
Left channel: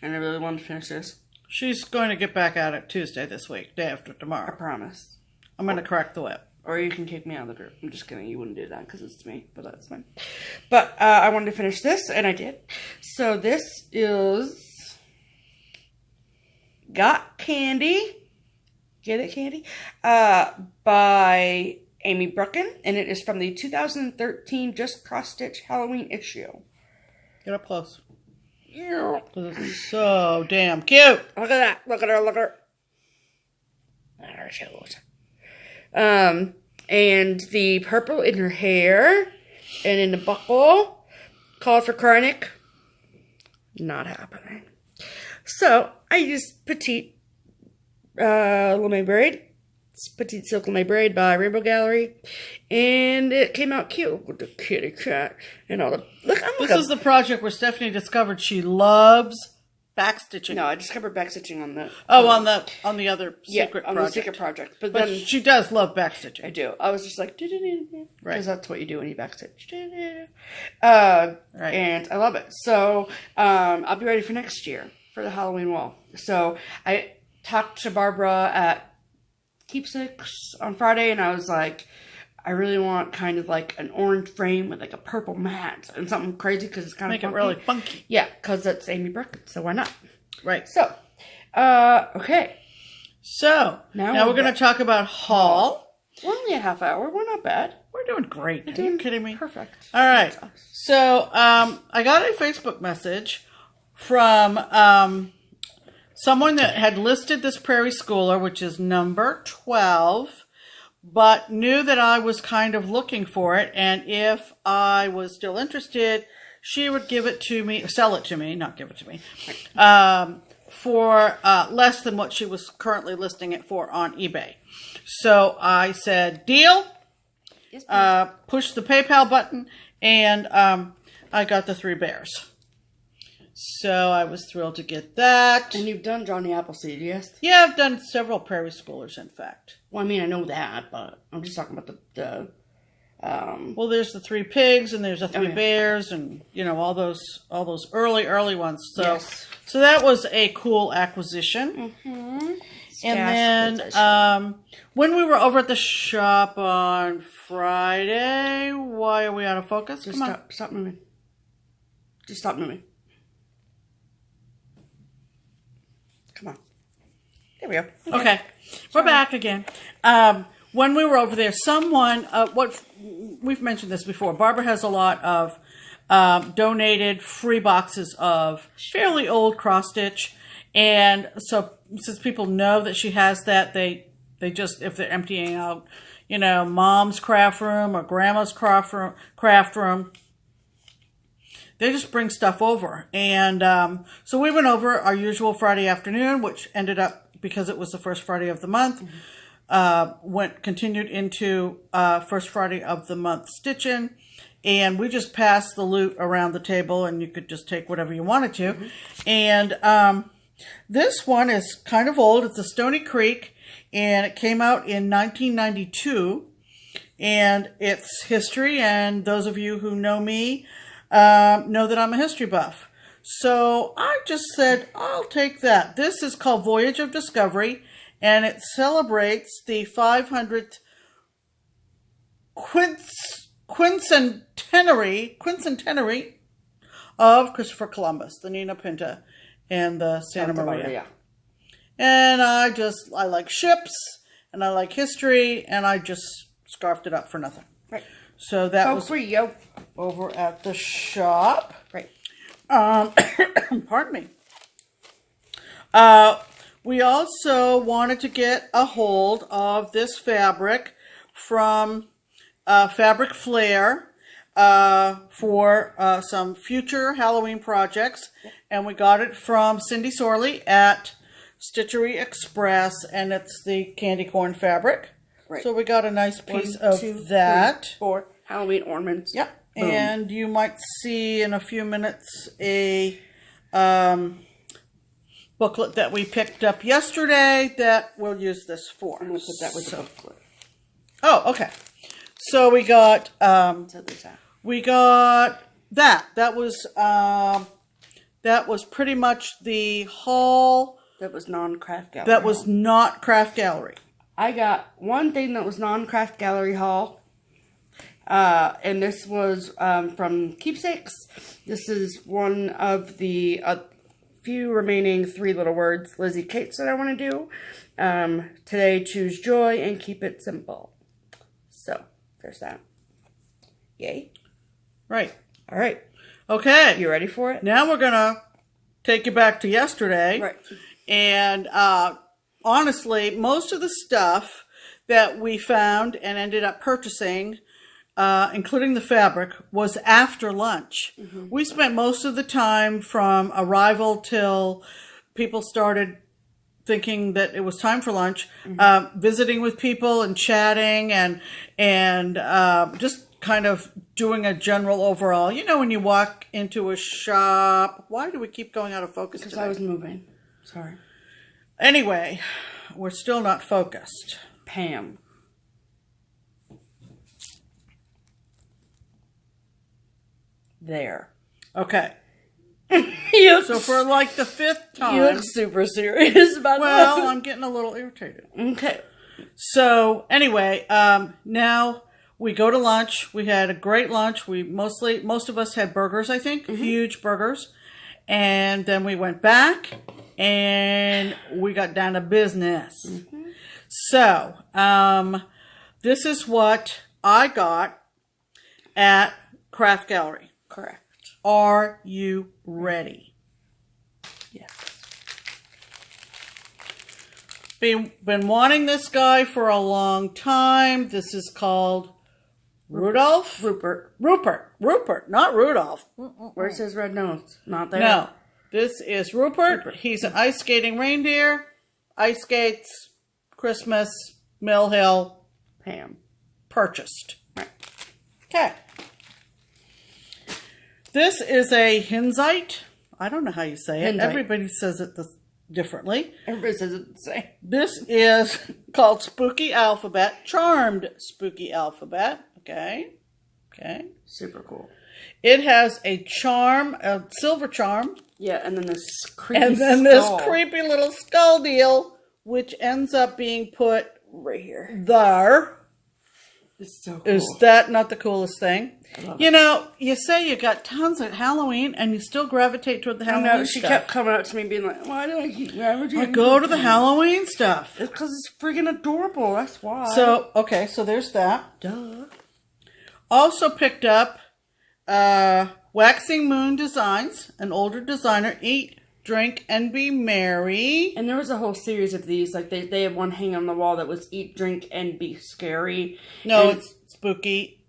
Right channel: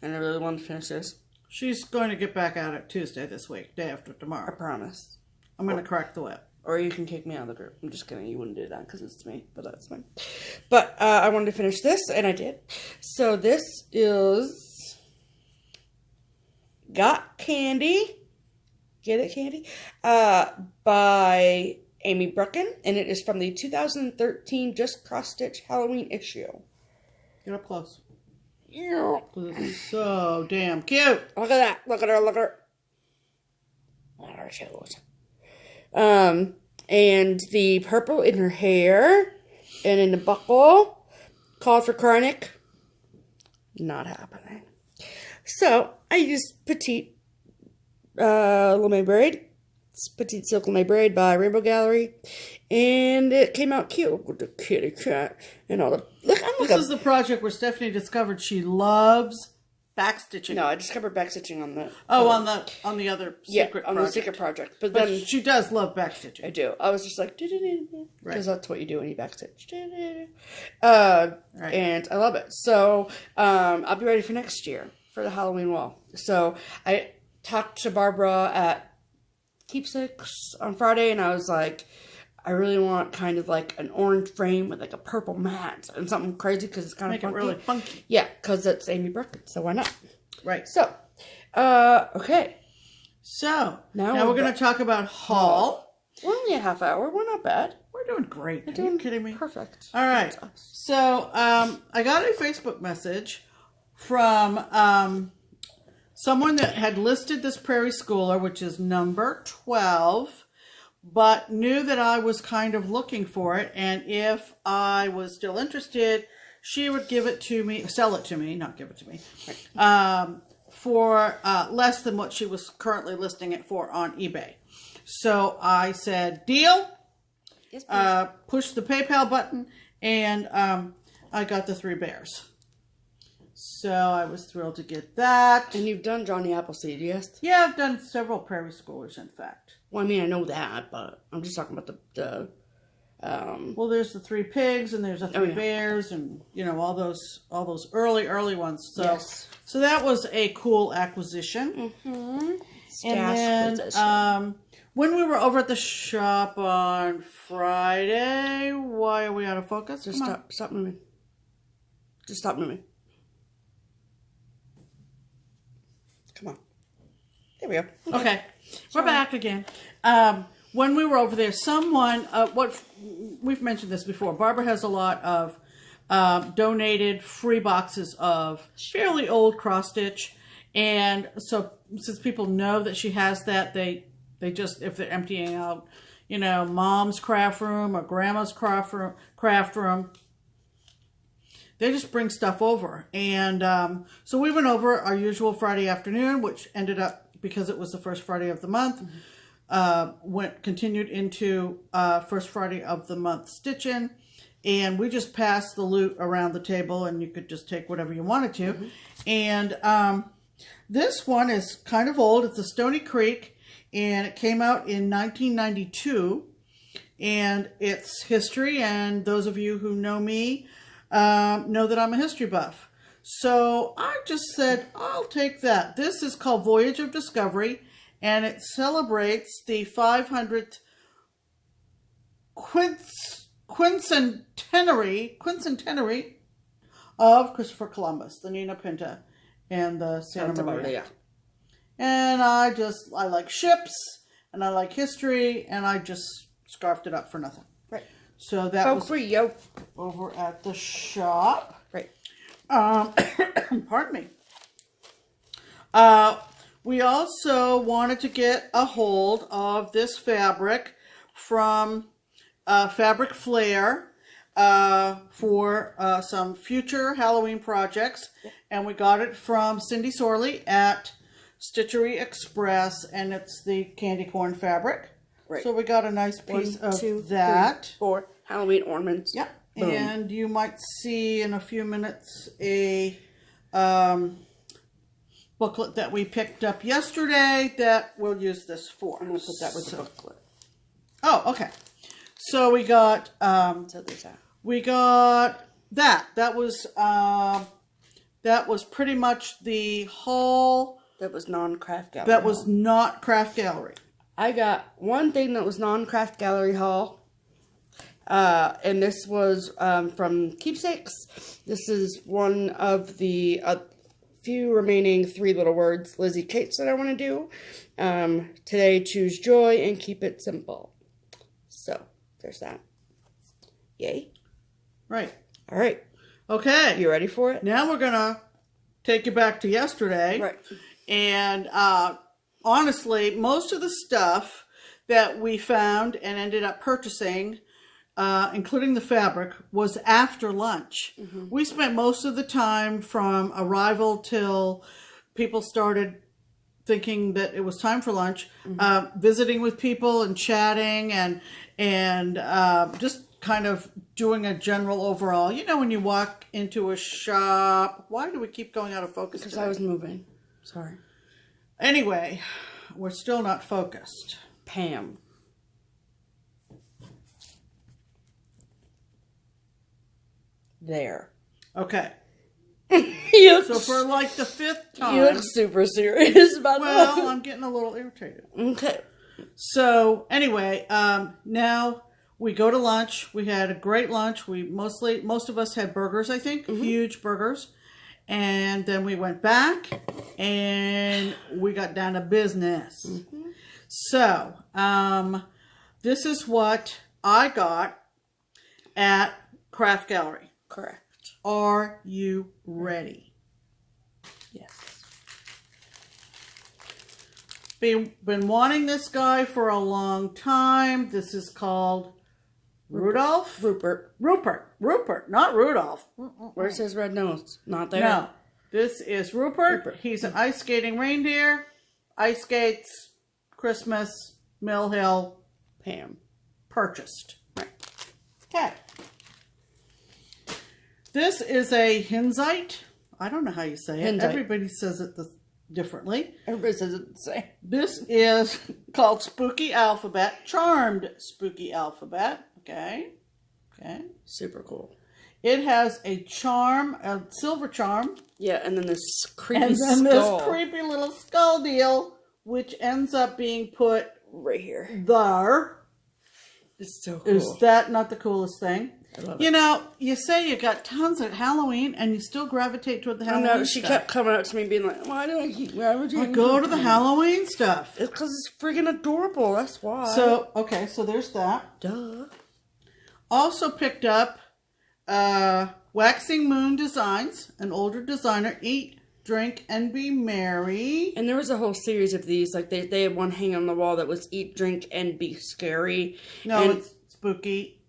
And I really wanted to finish this. She's going to get back at it Tuesday this week, day after tomorrow. I promise. I'm going to crack the whip. Or you can kick me out of the group. I'm just kidding. You wouldn't do that because it's me, but that's fine. But I wanted to finish this, and I did. So this is Got Candy. Get it, Candy? By Amy Brucken, and it is from the 2013 Just Cross Stitch Halloween issue. Get up close. This is so damn cute. Look at that. Look at her. Look at her. Look at her shoes. And the purple in her hair and in the buckle called for Karnik. Not happening. So I used Petite Lame Braid. It's Petite Silk Lame Braid by Rainbow Gallery. And it came out cute with the kitty cat and all the... Look, this is the project where Stephanie discovered she loves backstitching. No, I discovered backstitching on the... Oh, on the other secret project. On the secret project. But then then... she does love backstitching. I do. I was just like... Right. Because that's what you do when you backstitch. Right. And I love it. So, I'll be ready for next year for the Halloween wall. So, I talked to Barbara at Keepsakes on Friday, and I was like... I really want kind of like an orange frame with like a purple mat and something crazy because it's kind of funky. Make it really funky. Yeah, because it's Amy Burkett, so why not? Right. So, okay. So, now we're going to talk about haul. We're only a half hour. We're not bad. We're doing great. Are you kidding me? Perfect. All right. So, I got a Facebook message from someone that had listed this Prairie Schooler, which is number 12, but knew that I was kind of looking for it, and if I was still interested, she would give it to me, sell it to me, not give it to me, for less than what she was currently listing it for on eBay. So I said, deal, yes, push the PayPal button, and I got the 3 bears. So I was thrilled to get that. And you've done Johnny Appleseed, yes? Yeah, I've done several Prairie Schoolers, in fact. Well, I mean, I know that, but I'm just talking about the well, there's the 3 pigs, and there's the 3 bears, and you know all those early ones. So, yes. So that was a cool acquisition. Mm-hmm. And then when we were over at the shop on Friday, why are we out of focus? Just stop moving. Just stop moving. Come on. There we go. Okay. We're back again. When we were over there, someone, we've mentioned this before, Barbara has a lot of donated free boxes of fairly old cross stitch. And so since people know that she has that, they just, if they're emptying out, you know, mom's craft room or grandma's craft room, they just bring stuff over. And so we went over our usual Friday afternoon, which ended up, because it was the first Friday of the month, continued into first Friday of the month stitching. And we just passed the loot around the table, and you could just take whatever you wanted to. Mm-hmm. And this one is kind of old. It's a Stony Creek, and it came out in 1992. And it's history, and those of you who know me know that I'm a history buff. So I just said, I'll take that. This is called Voyage of Discovery, and it celebrates the 500th quincentenary of Christopher Columbus, the Nina Pinta, and the Santa Maria. And I like ships, and I like history, and I just scarfed it up for nothing. Right. So that was for you. Over at the shop. Right. Pardon me. We also wanted to get a hold of this fabric from Fabric Flair for some future Halloween projects. And we got it from Cindy Sorley at Stitchery Express, and it's the candy corn fabric. Right. So we got a nice piece of that. 3, 4 Halloween ornaments. Yep. Boom. And you might see in a few minutes a booklet that we picked up yesterday that we'll use this for. I'm going to put that with the booklet. Oh, okay. So we got we got that. That was pretty much the haul. That was non-craft gallery. That was not craft gallery. I got one thing that was non-craft gallery haul. And this was from Keepsakes. This is one of the few remaining 3 little words, Lizzie Kates, that I want to do. Today, choose joy and keep it simple. So, there's that. Yay. Right. All right. Okay. You ready for it? Now we're going to take you back to yesterday. Right. And honestly, most of the stuff that we found and ended up purchasing including the fabric, was after lunch. Mm-hmm. We spent most of the time from arrival till people started thinking that it was time for lunch, visiting with people and chatting and just kind of doing a general overall. You know, when you walk into a shop, why do we keep going out of focus? Because I was moving. Sorry. Anyway, we're still not focused. Pam. There. Okay. So for like the 5th time. You look super serious about that. Well, I'm getting a little irritated. Okay. So anyway, now we go to lunch. We had a great lunch. Most of us had burgers, I think, huge burgers. And then we went back and we got down to business. Mm-hmm. So, this is what I got at Craft Gallery. Correct. Are you ready? Yes. Been wanting this guy for a long time. This is called Rudolph? Rupert, not Rudolph. Where's his red nose? Not there. No. This is Rupert. He's an ice skating reindeer. Ice skates. Christmas. Mill Hill. Pam. Purchased. Right. Okay. This is a Hinzite. I don't know how you say it. Hinzite. Everybody says it differently. Everybody says it the same. This is called Spooky Alphabet. Charmed Spooky Alphabet. Okay. Super cool. It has a charm, a silver charm. Yeah, and then this creepy this creepy little skull deal, which ends up being put right here. There. It's so cool. Is that not the coolest thing? I love it. You know, you say you got tons at Halloween and you still gravitate toward the Halloween stuff. She kept coming up to me being like, why do I keep gravitating? I go to the Halloween stuff. It's because it's freaking adorable. That's why. So, okay, so there's that. Duh. Also picked up Waxing Moon Designs, an older designer. Eat, drink, and be merry. And there was a whole series of these. Like they had one hanging on the wall that was eat, drink, and be scary. No, it's spooky.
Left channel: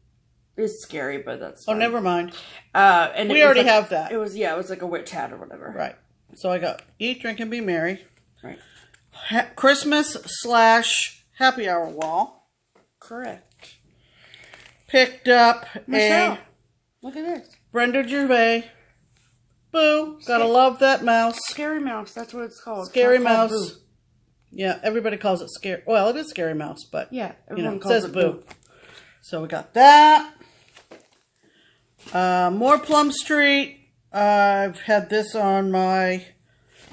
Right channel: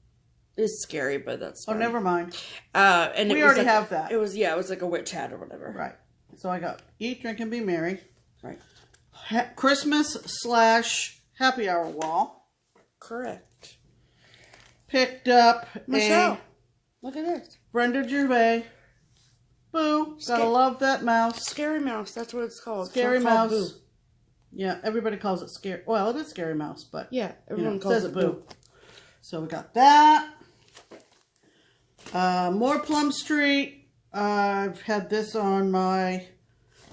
It's scary, but that's fine. Oh, never mind. And we already have that. It was like a witch hat or whatever. Right. So I got eat, drink, and be merry. Right. Christmas / happy hour wall. Correct. Picked up Michelle. Look at this. Brenda Gervais. Boo. Gotta love that mouse. Scary mouse. That's what it's called. Scary mouse. Boo. Yeah, everybody calls it scary. Well, it is Scary Mouse, but yeah, everyone calls it Boo. So we got that. More Plum Street. I've had this on my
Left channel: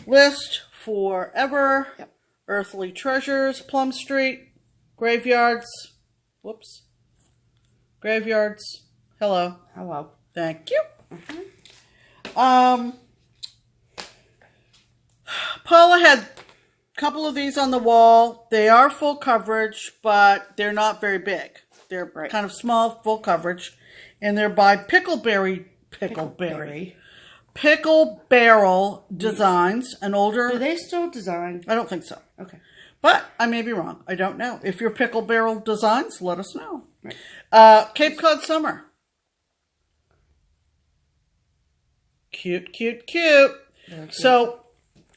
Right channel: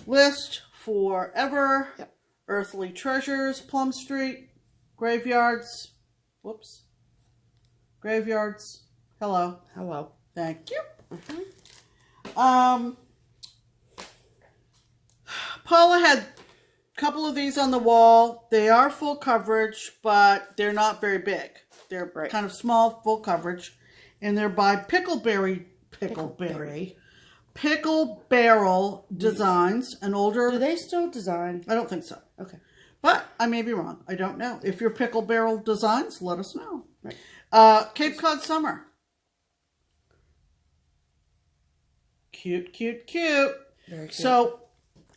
list forever. Yep. Earthly Treasures, Plum Street, Graveyards. Whoops. Graveyards. Hello. Thank you. Mm-hmm. Paula had a couple of these on the wall. They are full coverage, but they're not very big. They're kind of small, full coverage. And they're by Pickle Barrel Designs, an older... Do they still design? I don't think so. Okay. But I may be wrong. I don't know. If you're Pickle Barrel Designs, let us know. Right. Cape Cod Summer. Cute. So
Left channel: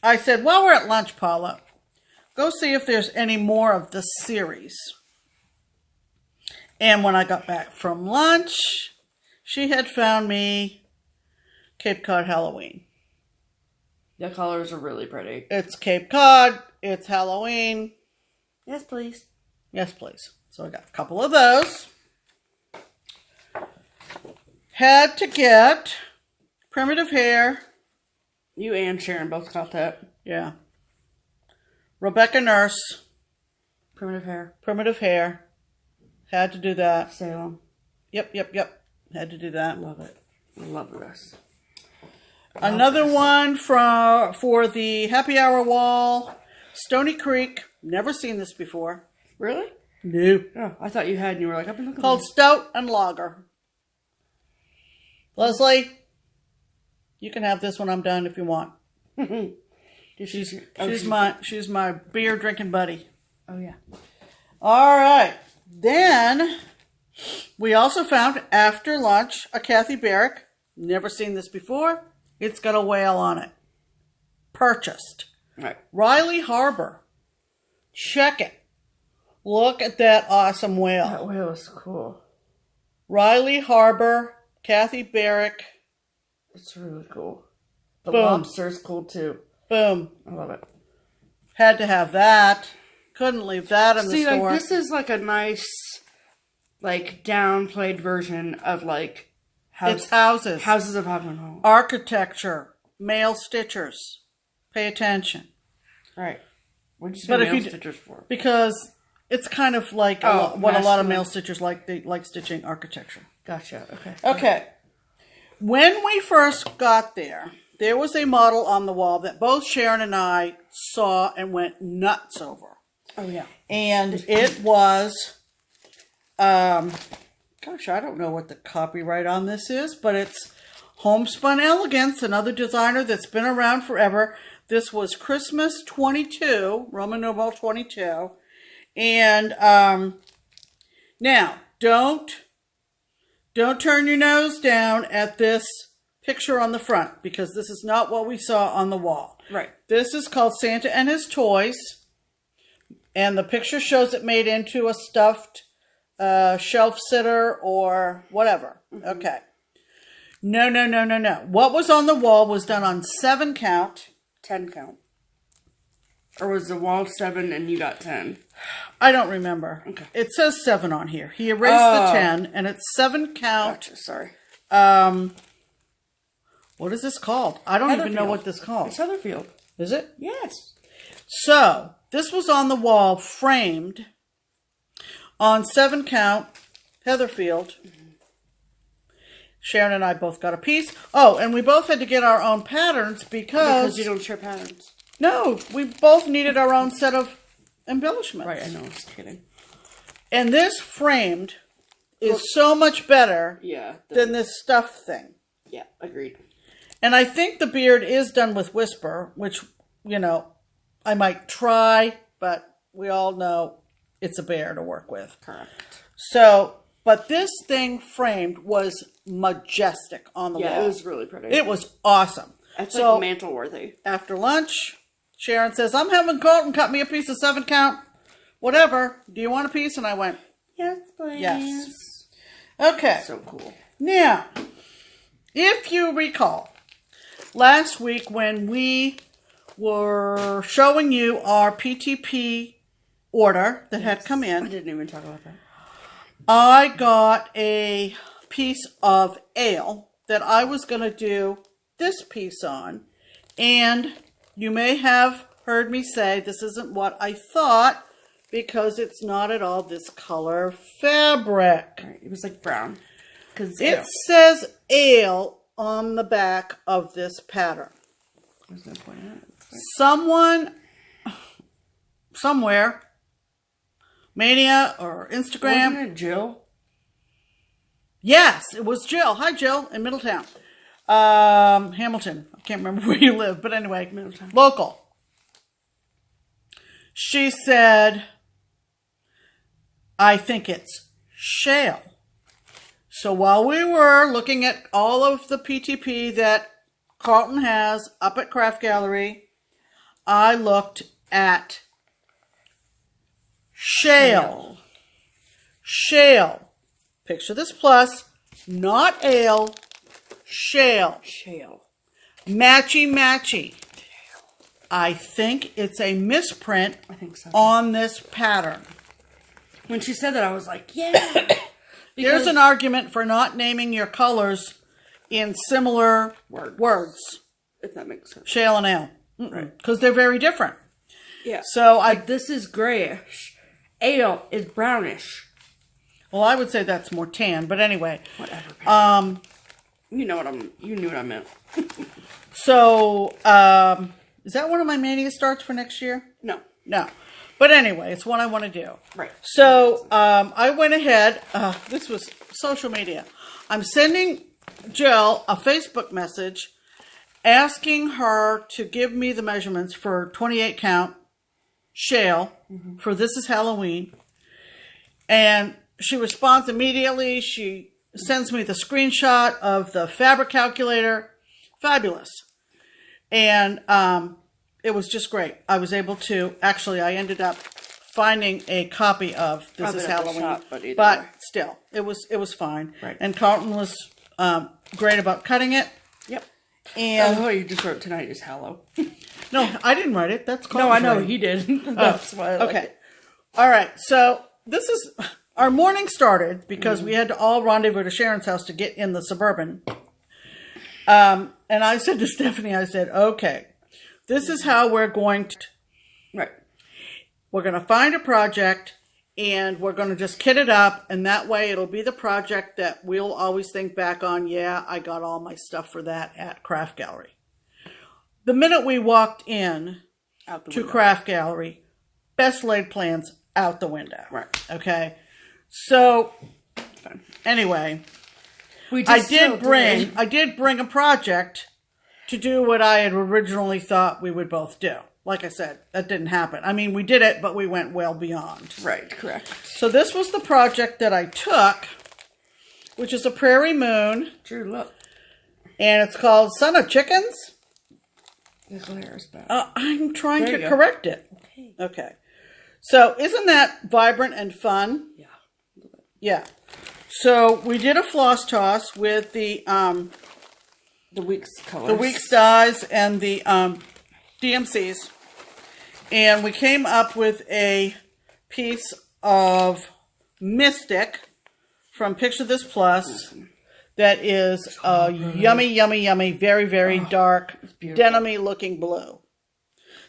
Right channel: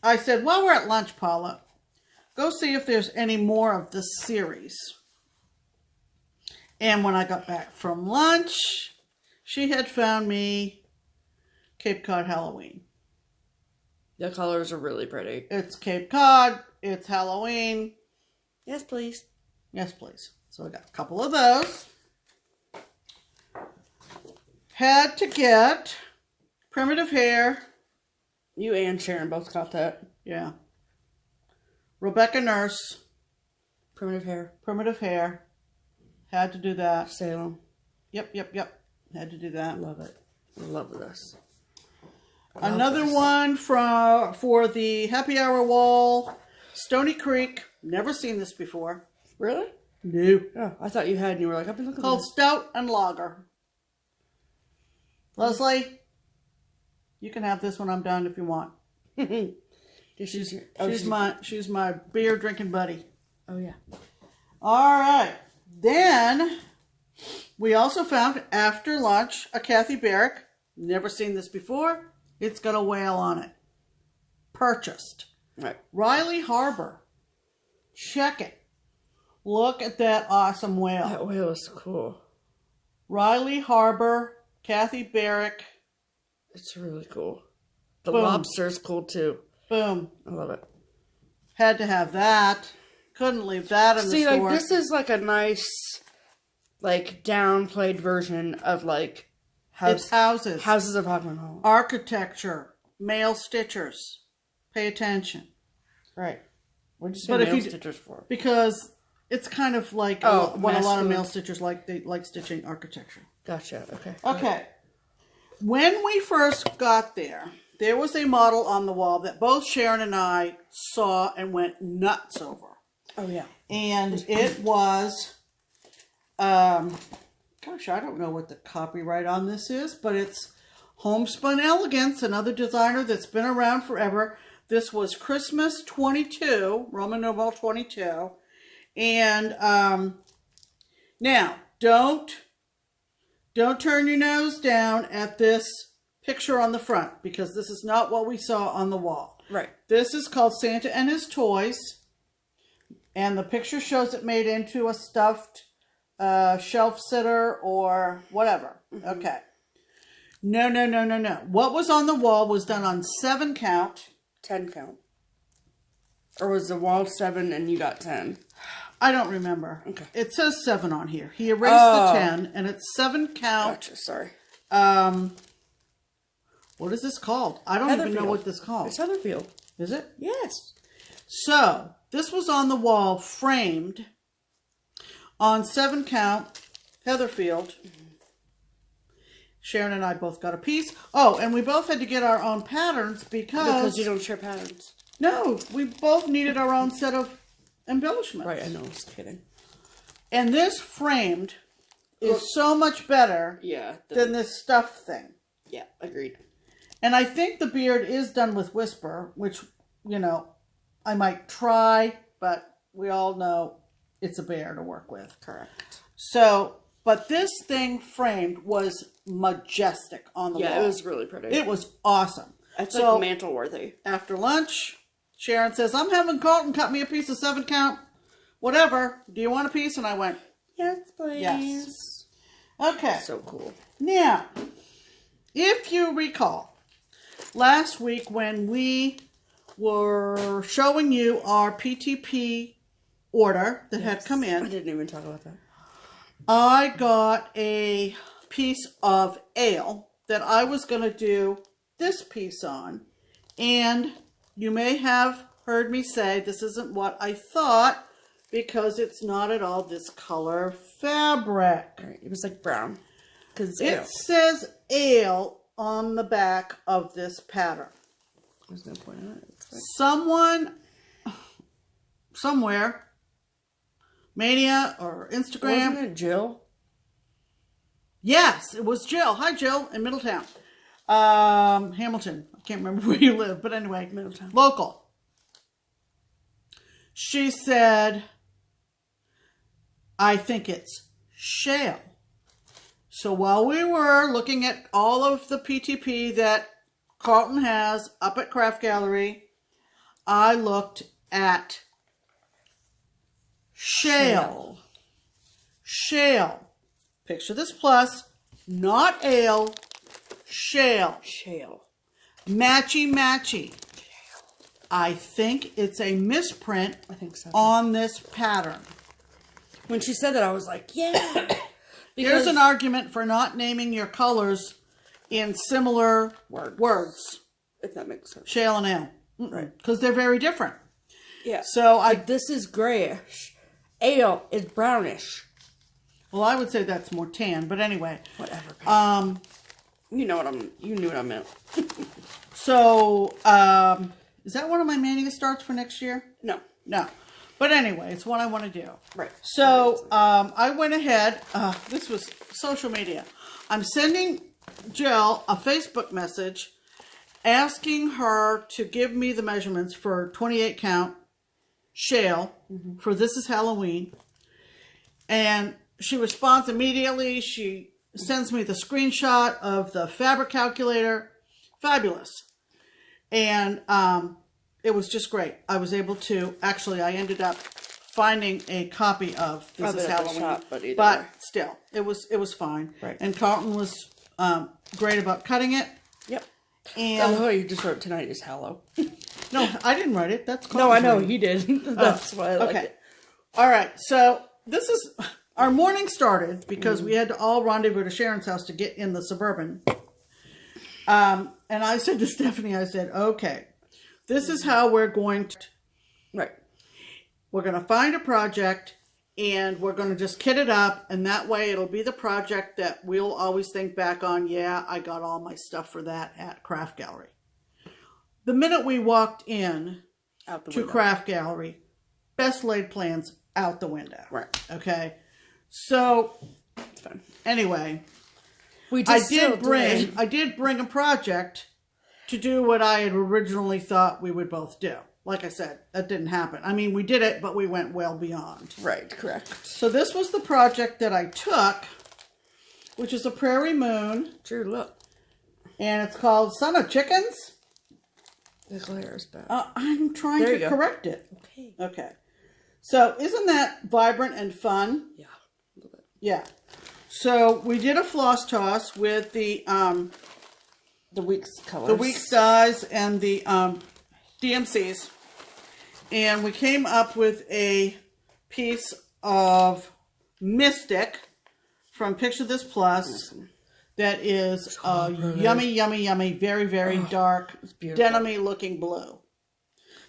I said, while we're at lunch, Paula, go see if there's any more of this series. And when I got back from lunch, she had found me Cape Cod Halloween. The colors are really pretty. It's Cape Cod. It's Halloween. Yes, please. Yes, please. So I got a couple of those. Had to get Primitive Hair. You and Sharon both got that. Yeah. Rebecca Nurse. Primitive Hair. Had to do that. Salem. Yep. Had to do that. Love it. I love this. Another one for the happy hour wall. Stony Creek. Never seen this before. Really? No. Oh, I thought you had and you were like, I've been looking called Stout and Lager. Leslie, you can have this when I'm done if you want. She's my beer drinking buddy. Oh yeah. All right. Then We also found, after lunch, a Kathy Barrick. Never seen this before. It's got a whale on it. Purchased. Right. Riley Harbor. Check it. Look at that awesome whale. That whale is cool. Riley Harbor, Kathy Barrick. It's really cool. The Boom. lobster's cool too. Boom. I love it. Had to have that. Couldn't leave that in the store. See, like, this is like a nice, like, downplayed version of, like, It's houses. Houses of Hogman Hall. Architecture. Male stitchers. Pay attention. Right. What did you say male stitchers for? Because it's kind of like what a lot of male stitchers like. They like stitching architecture. Gotcha. Okay. Okay. When we first got there, there was a model on the wall that both Sharon and I saw and went nuts over. Oh, yeah. And it was, gosh, I don't know what the copyright on this is, but it's Homespun Elegance, another designer that's been around forever. This was Christmas 22, Roman numeral 22. And now, don't turn your nose down at this picture on the front, because this is not what we saw on the wall. Right. This is called Santa and His Toys. And the picture shows it made into a stuffed shelf sitter or whatever. Mm-hmm. Okay. No. What was on the wall was done on 7 count. 10 count. Or was the wall 7 and you got 10? I don't remember. Okay. It says 7 on here. He erased the 10 and it's 7 count. Gotcha, sorry. What is this called? I don't even know what this is called. It's Heatherfield. Is it? Yes. So, this was on the wall, framed, on 7 count, Heatherfield. Sharon and I both got a piece. Oh, and we both had to get our own patterns because you don't share patterns. No, we both needed our own set of embellishments. Right, I know, I was kidding. And this framed is so much better than this stuffed thing. Yeah, agreed. And I think the beard is done with Whisper, which, you know, I might try, but we all know it's a bear to work with. Correct. So, but this thing framed was majestic on the wall. Yeah, it was really pretty. It was awesome. It's like mantle worthy. After lunch, Sharon says, I'm having Colton cut me a piece of 7 count. Whatever. Do you want a piece? And I went, yes, please. Yes. Okay. So cool. Now, if you recall, last week when we were showing you our PTP order that had come in. I didn't even talk about that. I got a piece of ale that I was going to do this piece on. And you may have heard me say this isn't what I thought, because it's not at all this color fabric. Right. It was like brown. It says ale on the back of this pattern. There's no point in it. Someone, somewhere, Mania or Instagram. Wasn't it Jill? Yes, it was Jill. Hi, Jill, in Middletown. Hamilton. I can't remember where you live, but anyway, Middletown. Local. She said, I think it's shale. So while we were looking at all of the PTP that Carlton has up at Craft Gallery, I looked at shale. Shale. Picture this plus, not ale, shale. Shale. Matchy. I think it's a misprint on this pattern. When she said that, I was like, yeah. There's an argument for not naming your colors in similar words. If that makes sense. Shale and ale. Right. Because they're very different. Yeah. So this is grayish. Ale is brownish. Well, I would say that's more tan, but anyway. Whatever. You knew what I meant. So, is that one of my Mania starts for next year? No. But anyway, it's one I want to do. Right. So, I went ahead. This was social media. I'm sending Jill a Facebook message asking her to give me the measurements for 28 count shale for This Is Halloween. And she responds immediately. She sends me the screenshot of the fabric calculator. Fabulous. And it was just great. I was able to, actually, I ended up finding a copy of This Is Halloween. Shop, but still, it was fine. Right. And Carlton was great about cutting it. Yep. And you just wrote Tonight is Hallow. No, I didn't write it. That's Carlton's. No, I know writing. he did. That's why I like it. All right. So this is our morning started because we had to all rendezvous to Sharon's house to get in the Suburban. And I said to Stephanie, I said, okay, this is how we're going to. Right. We're going to find a project and we're going to just kit it up. And that way it'll be the project that we'll always think back on. Yeah, I got all my stuff for that at Craft Gallery. The minute we walked in to Craft Gallery, best laid plans out the window. Right. Okay. So anyway, I did bring a project to do what I had originally thought we would both do. Like I said, that didn't happen. I mean, we did it, but we went well beyond. Right, correct. So this was the project that I took, which is a prairie moon. True, look. And it's called Son of Chickens. The glare is bad. I'm trying to correct it. Okay. So isn't that vibrant and fun? Yeah. Yeah. So we did a floss toss with the week's colors. The week's dyes and the DMCs. And we came up with a piece of Mystic from Picture This Plus that is a yummy, yummy, yummy, very, very dark, denim-y looking blue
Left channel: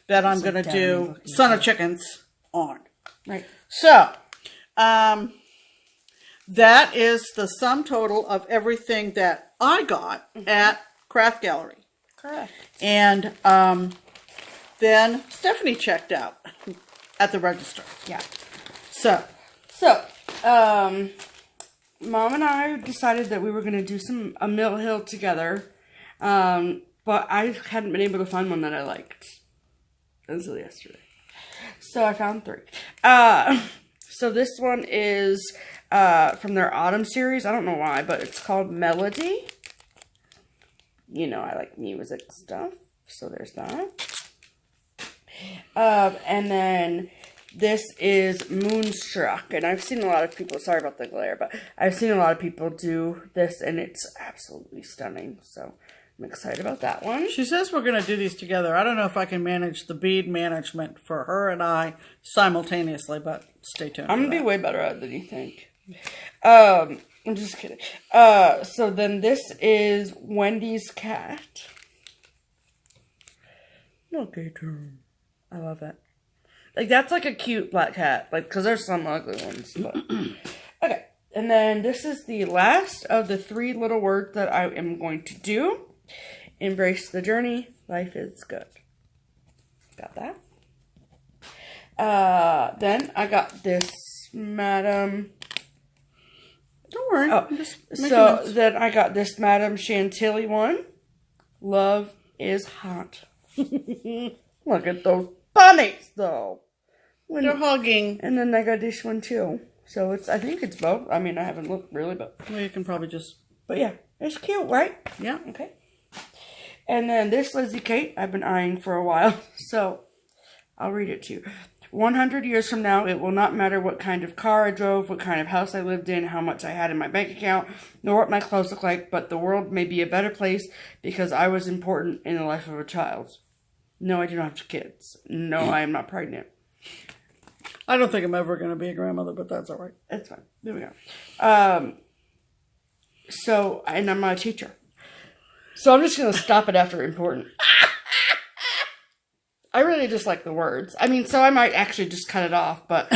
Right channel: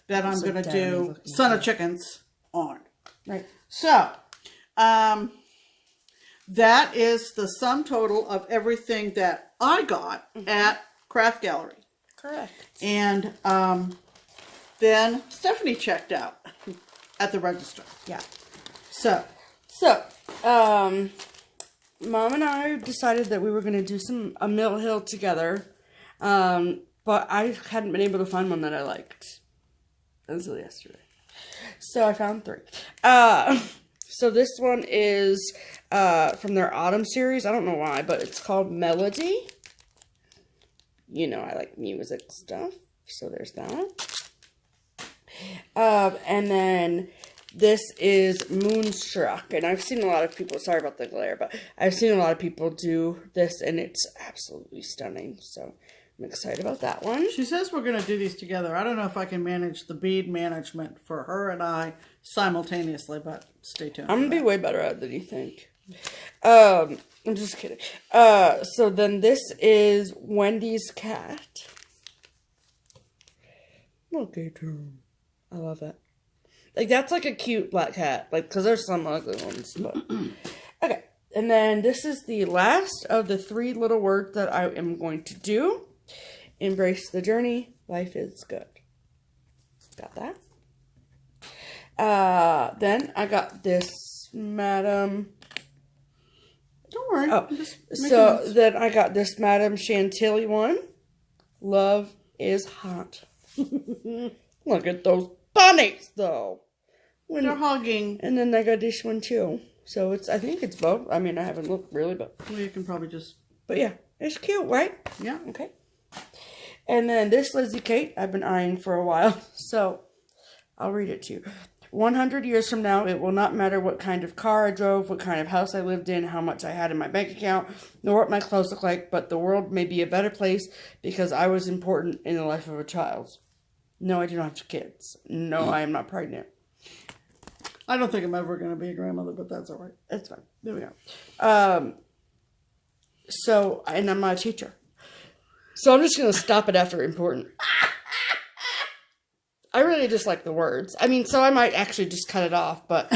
that I'm going to do Son of Chickens on. Right. So, that is the sum total of everything that I got at Craft Gallery. Correct. And then Stephanie checked out at the register. Yeah. So, Mom and I decided that we were going to do a Mill Hill together, but I hadn't been able to find one that I liked until yesterday. So I found 3. So this one is from their Autumn series. I don't know why, but it's called Melody. You know, I like music stuff, so there's that. And then this is Moonstruck, and I've seen a lot of people, sorry about the glare, but I've seen a lot of people do this, and it's absolutely stunning, so I'm excited about that one. She says we're going to do these together. I don't know if I can manage the bead management for her and I simultaneously, but stay tuned. I'm going to be way better at it than you think. I'm just kidding. So then this is Wendy's cat. Look at her. I love it. Like, that's like a cute black cat. Like, because there's some ugly ones. But. Okay. And then this is the last of the 3 little words that I am going to do. Embrace the journey. Life is good. Got that. Then I got this Madame. Don't worry. Oh, so then I got this Madame Chantilly one. Love is hot. Look at those bunnies, though. They're hugging. And then I got this one, too. So I think it's both. I mean, I haven't looked really, but. Well, you can probably just. But yeah, it's cute, right? Yeah. Okay. And then this Lizzie Kate, I've been eyeing for a while. So I'll read it to you. 100 years from now, it will not matter what kind of car I drove, what kind of house I lived in, how much I had in my bank account, nor what my clothes look like, but the world may be a better place because I was important in the life of a child. No, I do not have kids. No, I am not pregnant. I don't think I'm ever going to be a grandmother, but that's all right. It's fine. There we go. So, and I'm not a teacher. So I'm just going to stop it after important. I really just like the words. I mean, so I might actually just cut it off, but...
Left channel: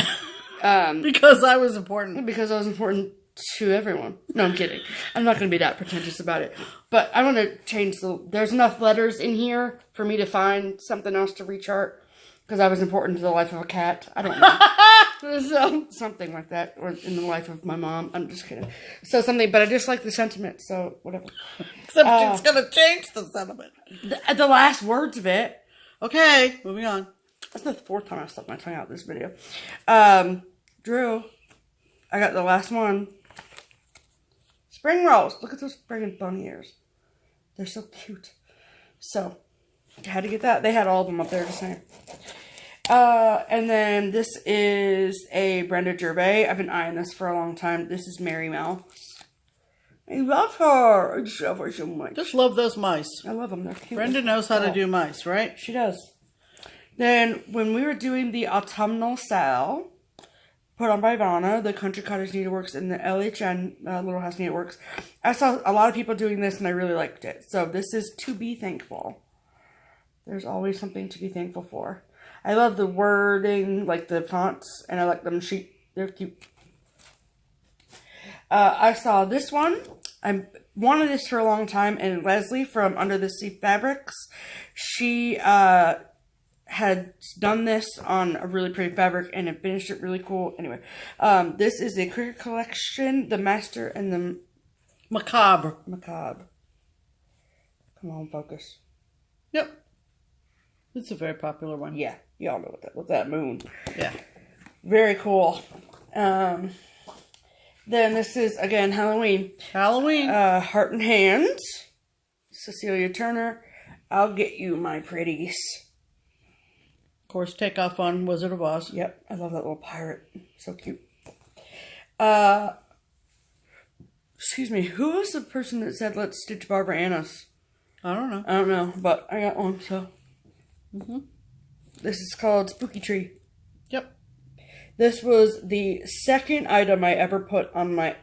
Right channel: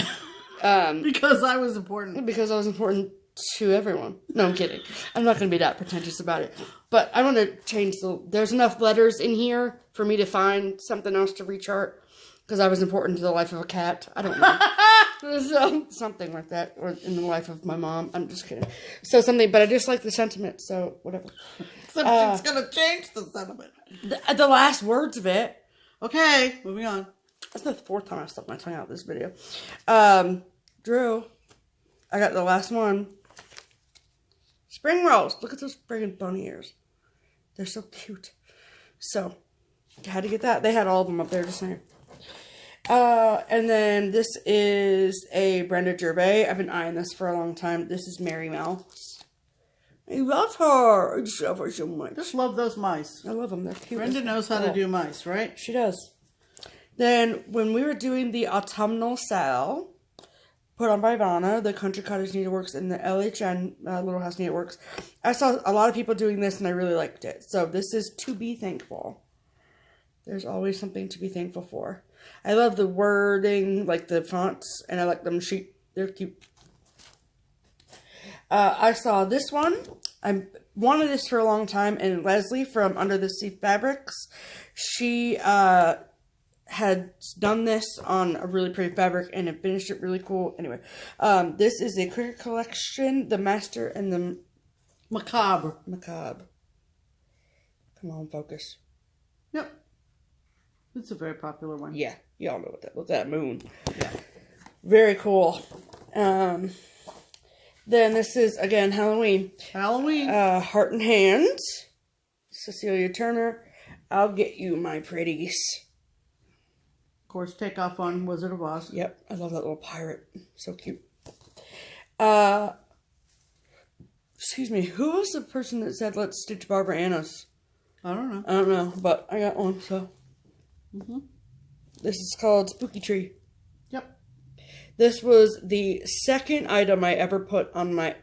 because I was important. Because I was important to everyone. No, I'm kidding. I'm not going to be that pretentious about it. But I want to change there's enough letters in here for me to find something else to rechart. Because I was important to the life of a cat. I don't know. So, something like that. Or in the life of my mom. I'm just kidding. So something, but I just like the sentiment, so whatever. Except it's going to change the sentiment. The last words of it. Okay, moving on. That's the 4th time I've stuck my tongue out this video. Drew, I got the last one. Spring rolls. Look at those friggin' bunny ears. They're so cute. So, I had to get that. They had all of them up there, just saying. And then this is a Brenda Gervais. I've been eyeing this for a long time. This is Mary Mouse. I love her. I just love her so much. Just love those mice. I love them. They're cute. Brenda knows how to do mice, right? She does. Then, when we were doing the autumnal sale, put on by Ivana, the Country Cottage Needleworks, and the LHN Little House Needleworks, I saw a lot of people doing this, and I really liked it. So, this is To Be Thankful. There's always something to be thankful for. I love the wording, like the fonts, and I like them sheep. They're cute. I saw this one. I wanted this for a long time, and Leslie from Under the Sea Fabrics, she had done this on a really pretty fabric, and it finished it really cool. Anyway, this is a Cricket Collection, The Master and the Macabre. Come on, focus. Yep. It's a very popular one. Yeah, y'all know what that was. That moon. Yeah. Very cool. Then this is, again, Halloween. Heart and Hands. Cecilia Turner. I'll get you, my pretties. Of course, Takeoff on Wizard of Oz. Yep, I love that little pirate. So cute. Excuse me, who was the person that said, let's stitch Barbara Anna's? I don't know. I don't know, but I got one, so. This is called Spooky Tree. Yep. This was the second item I ever put on my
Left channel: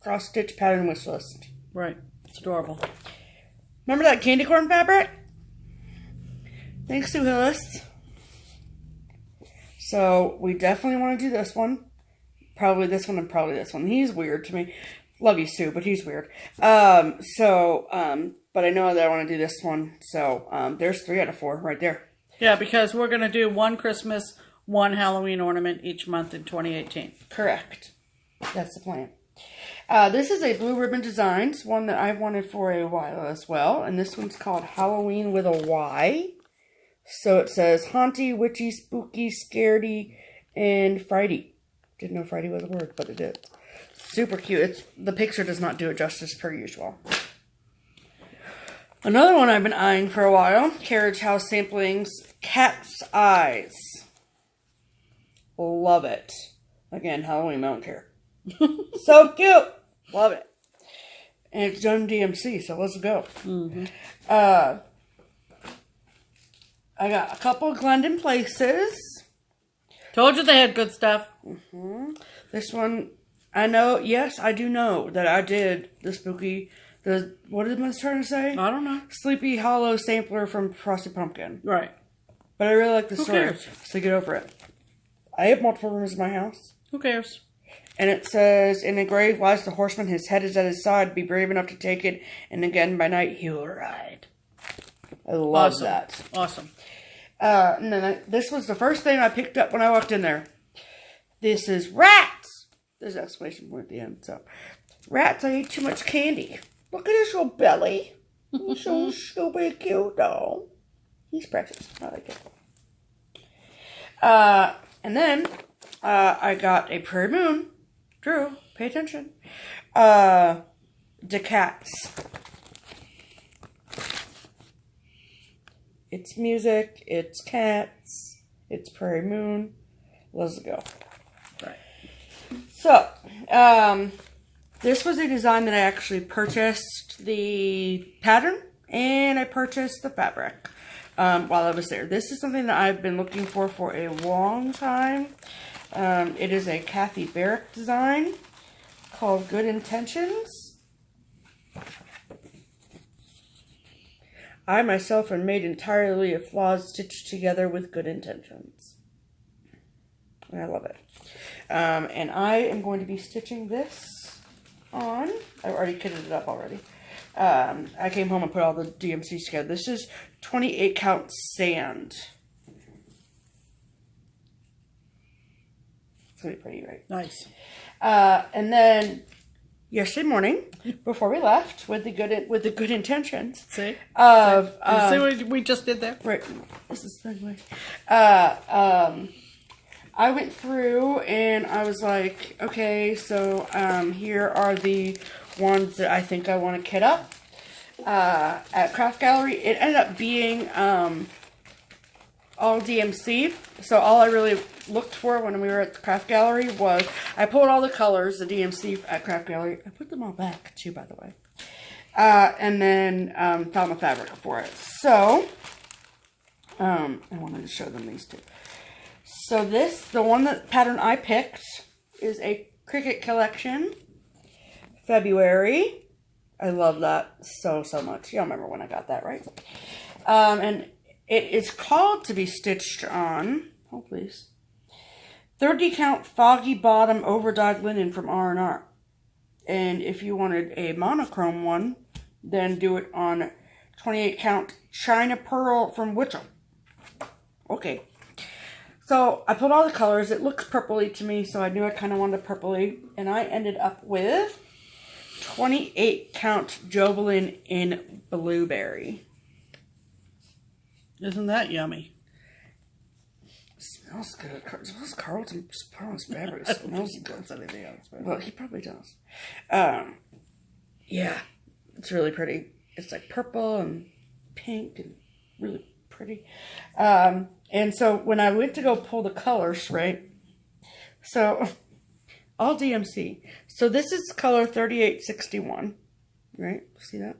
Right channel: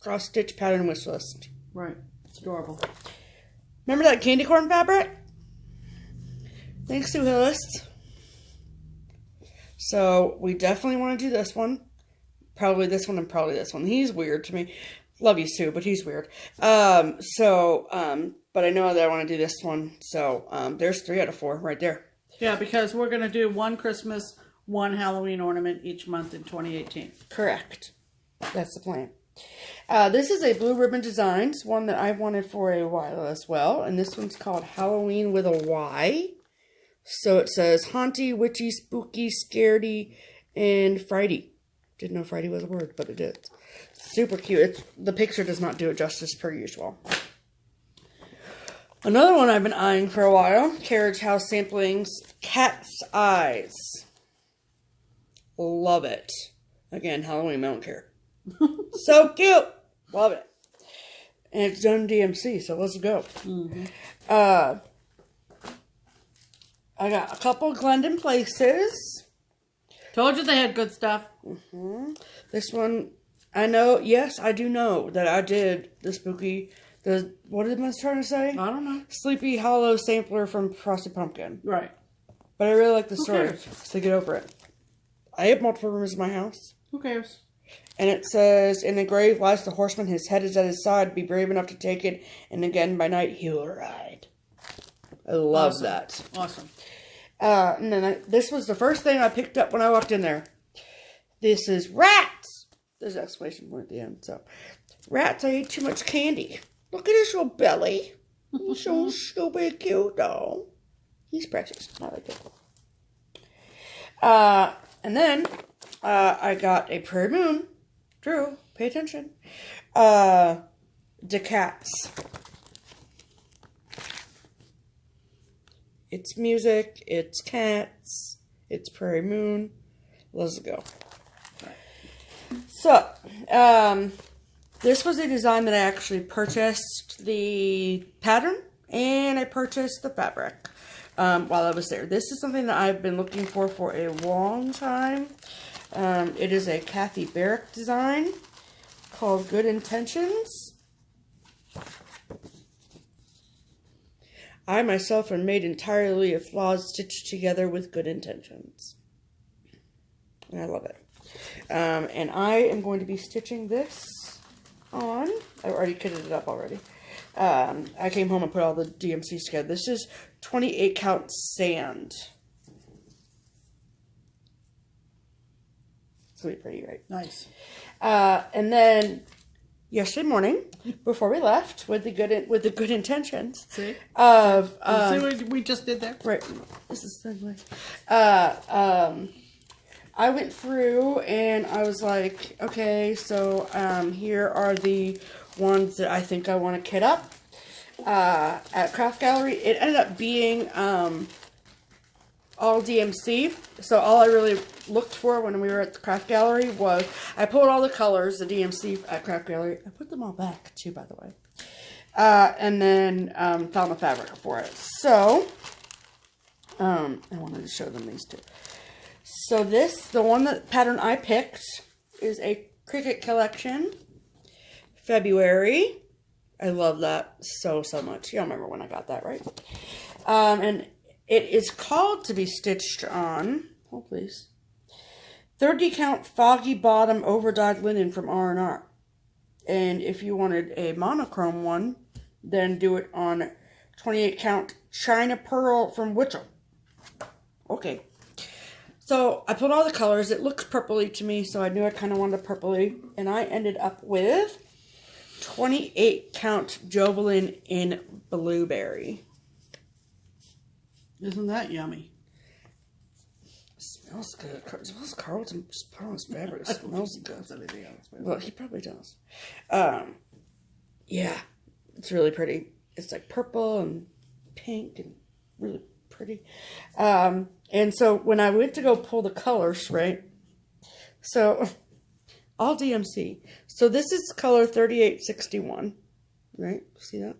cross-stitch pattern wish list. Right. It's adorable. Remember that candy corn fabric? Thanks, Sue Hillis. So, we definitely want to do this one. Probably this one and probably this one. He's weird to me. Love you, Sue, but he's weird. But I know that I want to do this one. So, there's 3 out of 4 right there. Yeah, because we're going to do one Christmas, one Halloween ornament each month in 2018. Correct. That's the plan. This is a Blue Ribbon Designs, one that I've wanted for a while as well. And this one's called Halloween with a Y. So it says Haunty, Witchy, Spooky, Scaredy, and Friday. Didn't know Friday was a word, but it is. Super cute. The picture does not do it justice per usual. Another one I've been eyeing for a while. Carriage House Samplings, Cat's Eyes. Love it. Again, Halloween, I don't care. So cute. Love it. And it's done DMC, so let's go. I got a couple Glendon Places. Told you they had good stuff. This one, I know, yes, I do know that I did the spooky, what am I trying to say? I don't know. Sleepy Hollow sampler from Frosted Pumpkin. Right. But I really like the story. Who cares? So get over it. I have multiple rooms in my house. Who cares? And it says, in the grave lies the horseman, his head is at his side, be brave enough to take it, and again by night he will ride. I love that. Awesome. And then this was the first thing I picked up when I walked in there. This is rats. There's an exclamation point at the end. So, rats, I ate too much candy. Look at his little belly. He's so stupid cute, though. He's precious. I like it. And then I got a Prairie Moon. Drew, pay attention. Decats. It's music, it's cats, it's Prairie Moon. Let's go. Right. So, this was a design that I actually purchased the pattern and I purchased the fabric while I was there. This is something that I've been looking for a long time. It is a Kathy Barrick design called Good Intentions. I myself am made entirely of flaws stitched together with good intentions. And I love it. And I am going to be stitching this on. I've already kitted it up already. I came home and put all the DMC together. This is 28 count sand. It's going to be pretty, right? Nice. And then yesterday morning, before we left, with the good intentions, see of see what we just did there, right? This is the way. I went through and I was like, okay, so here are the ones that I think I want to kit up at Craft Gallery. It ended up being all DMC. So all I really looked for when we were at the Craft Gallery was, I pulled all the colors, the DMC at Craft Gallery. I put them all back too, by the way. And then found the fabric for it. So, I wanted to show them these two. So the pattern I picked is a Cricut Collection, February. I love that so much. Y'all remember when I got that, right? And it is called to be stitched on, hold please, 30 count foggy bottom overdyed linen from R&R. And if you wanted a monochrome one, then do it on 28 count China Pearl from Witchell. Okay. So I put all the colors. It looks purpley to me, so I knew I kind of wanted a purpley. And I ended up with 28 count Jovelin in Blueberry. Isn't that yummy? It smells good. Carlton Sprouse fabric. It smells good. Well, he probably does. Yeah, it's really pretty. It's like purple and pink and really pretty. And so when I went to go pull the colors, right? So all DMC. So this is color 3861, right? See that?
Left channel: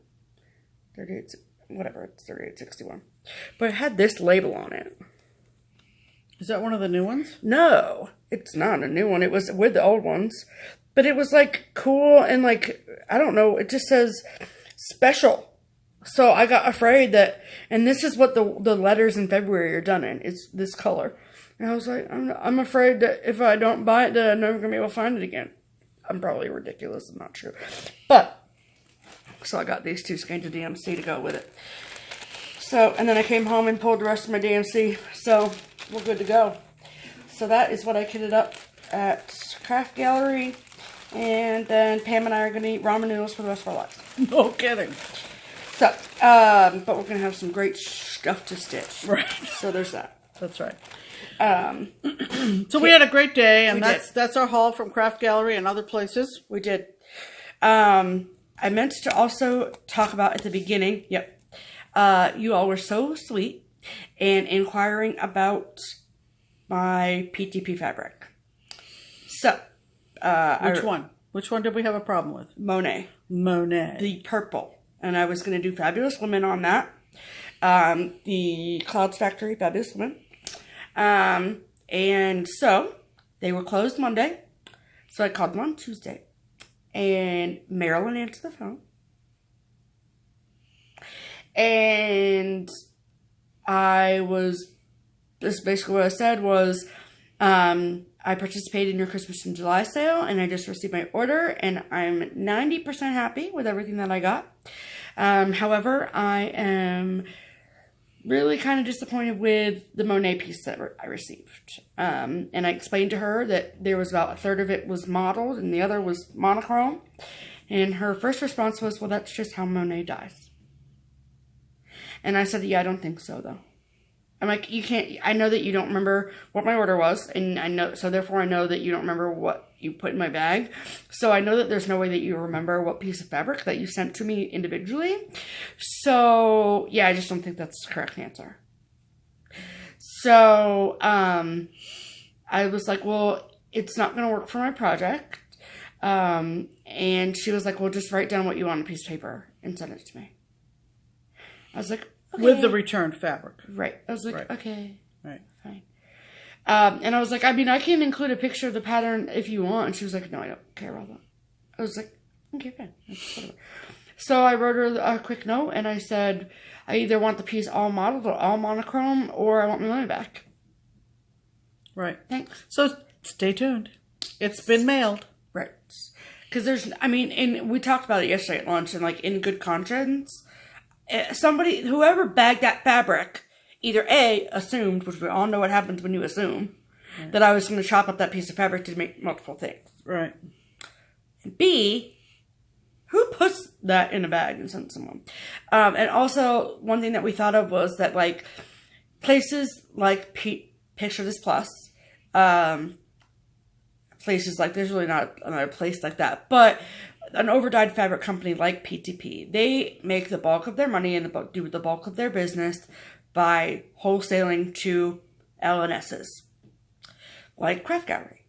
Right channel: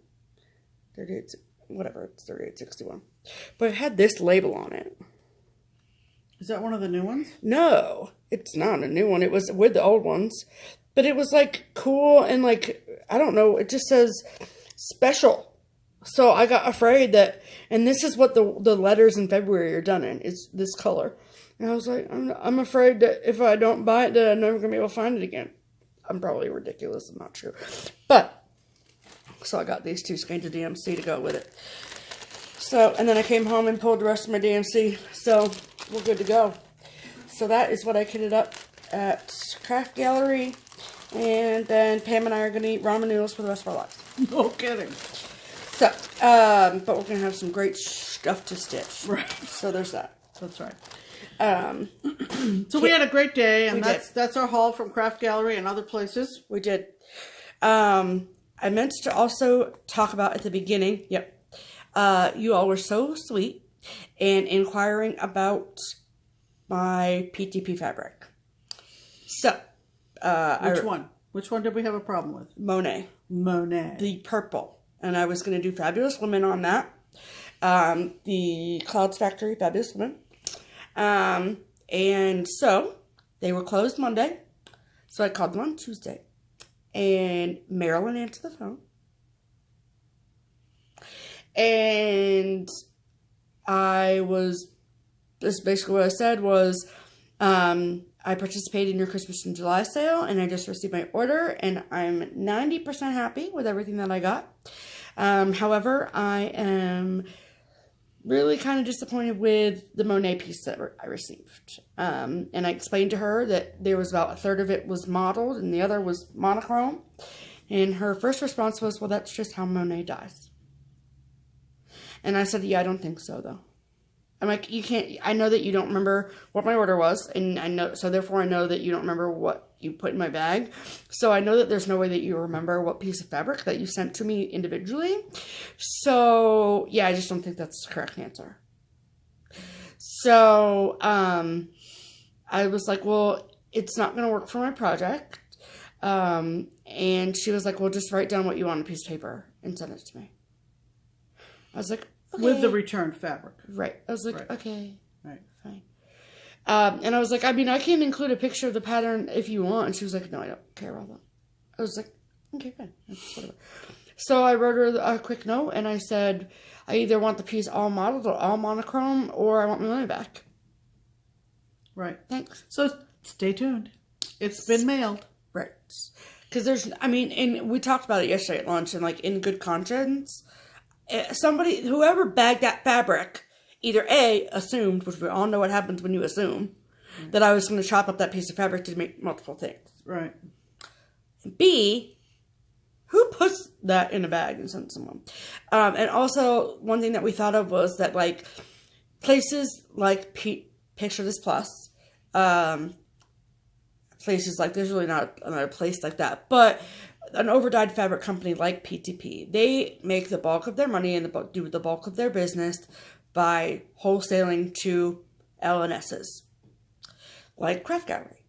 38, whatever, it's 3861. But it had this label on it. Is that one of the new ones? No, it's not a new one. It was with the old ones. But it was like cool and like, I don't know, it just says special. So I got afraid that, and this is what the letters in February are done in. It's this color. And I was like, I'm afraid that if I don't buy it, that I'm never going to be able to find it again. I'm probably ridiculous. I'm not true. But, so I got these two skeins of DMC to go with it. So, and then I came home and pulled the rest of my DMC. So, we're good to go. So that is what I kitted up at Craft Gallery. And then Pam and I are going to eat ramen noodles for the rest of our lives. No kidding. So, but we're going to have some great stuff to stitch. Right. So there's that. That's right. So we had a great day, and that's our haul from Craft Gallery and other places. We did. I meant to also talk about at the beginning, you all were so sweet in inquiring about my PTP fabric. So, which one? Which one did we have a problem with? Monet. The purple. And I was going to do Fabulous Women on that. The Clouds Factory Fabulous Women. And so, they were closed Monday. So I called them on Tuesday. And Marilyn answered the phone. And this basically what I said was, I participated in your Christmas in July sale, and I just received my order, and I'm 90% happy with everything that I got. However, I am really kind of disappointed with the Monet piece that I received. And I explained to her that there was about a third of it was modeled, and the other was monochrome. And her first response was, well, that's just how Monet dies. And I said, yeah, I don't think so, though. I'm like, you can't, I know that you don't remember what my order was, and so therefore I know that you don't remember what you put in my bag. So I know that there's no way that you remember what piece of fabric that you sent to me individually. So, yeah, I just don't think that's the correct answer. So, I was like, well, it's not going to work for my project. And she was like, well, just write down what you want on a piece of paper and send it to me. I was like, okay. With the returned fabric. Right. I was like, okay. Right. Fine. And I was like, I mean, I can include a picture of the pattern if you want. And she was like, no, I don't care about that. I was like, okay, fine. Whatever. So I wrote her a quick note, and I said, I either want the piece all modeled or all monochrome, or I want my money back. Right. Thanks. So stay tuned. It's been mailed. Right. Because there's, I mean, and we talked about it yesterday at lunch, and like in good conscience, whoever bagged that fabric, either A, assumed, which we all know what happens when you assume, that I was going to chop up that piece of fabric to make multiple things. Right. And B, who puts that in a bag and sends someone? And also, one thing that we thought of was that, like, places like Picture This Plus, places like, there's really not another place like that, but an overdyed fabric company like PTP, they make the bulk of their money and do the bulk of their business by wholesaling to LNSs like Craft Gallery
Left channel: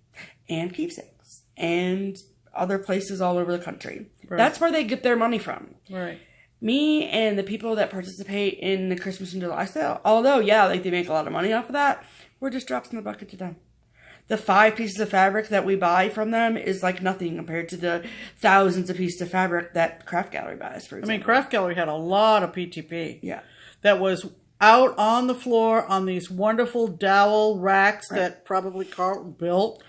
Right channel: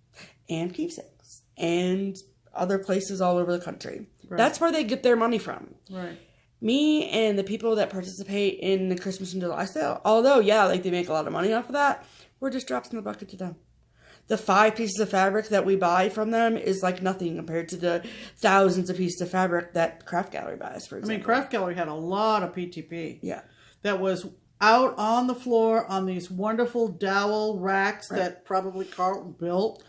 and Keepsakes and other places all over the country. Right. That's where they get their money from. Right. Me and the people that participate in the Christmas in July sale, although, yeah, like they make a lot of money off of that, we're just drops in the bucket to them. The 5 pieces of fabric that we buy from them is like nothing compared to the thousands of pieces of fabric that Craft Gallery buys, for example. I mean, Craft Gallery had a lot of PTP. Yeah. That was out on the floor on these wonderful dowel racks that probably Carlton built.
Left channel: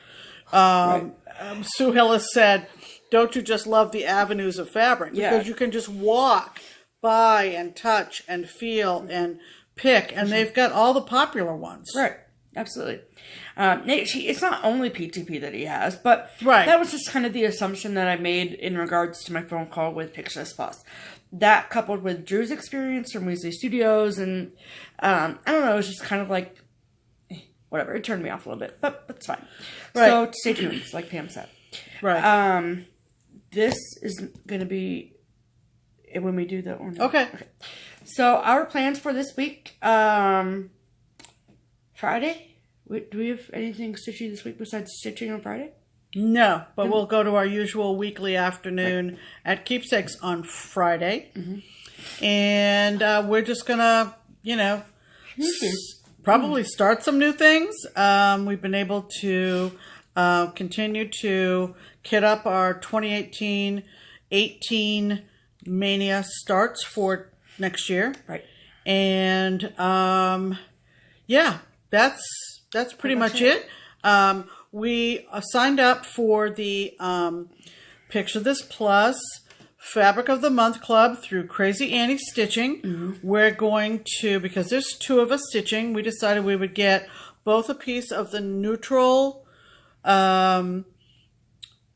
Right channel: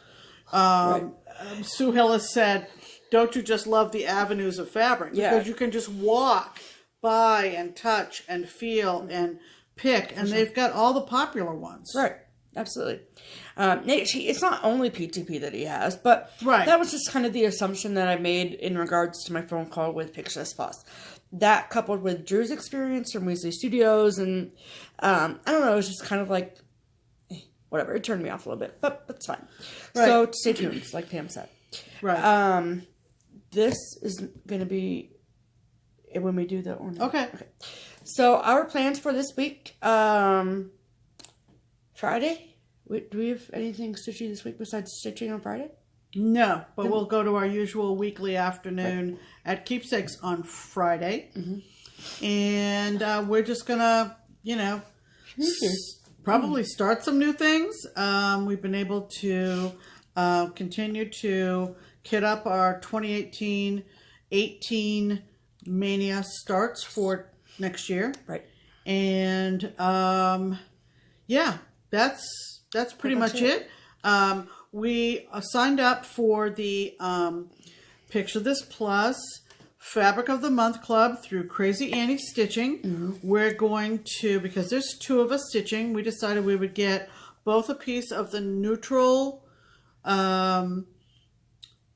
Sue Hillis said, don't you just love the avenues of fabric? Yeah. Because you can just walk by and touch and feel and pick. And they've got all the popular ones. Right. Absolutely. It's not only PTP that he has, but that was just kind of the assumption that I made in regards to my phone call with Pictures Plus. That coupled with Drew's experience from Weasley Studios, and I don't know, it was just kind of like, whatever, it turned me off a little bit, but that's fine. Right. So stay tuned, like Pam said. Right. This is going to be when we do the ornament. Okay. So our plans for this week, Friday. Do we have anything stitchy this week besides stitching on Friday? No, but we'll go to our usual weekly afternoon at Keepsakes on Friday. Mm-hmm. And we're just going to, probably start some new things. We've been able to continue to kit up our 2018 Mania starts for next year. Right. And, that's pretty much it. We signed up for the Picture This Plus Fabric of the Month Club through Crazy Annie Stitching. Mm-hmm. We're going to, because there's 2 of us stitching, we decided we would get both a piece of the neutral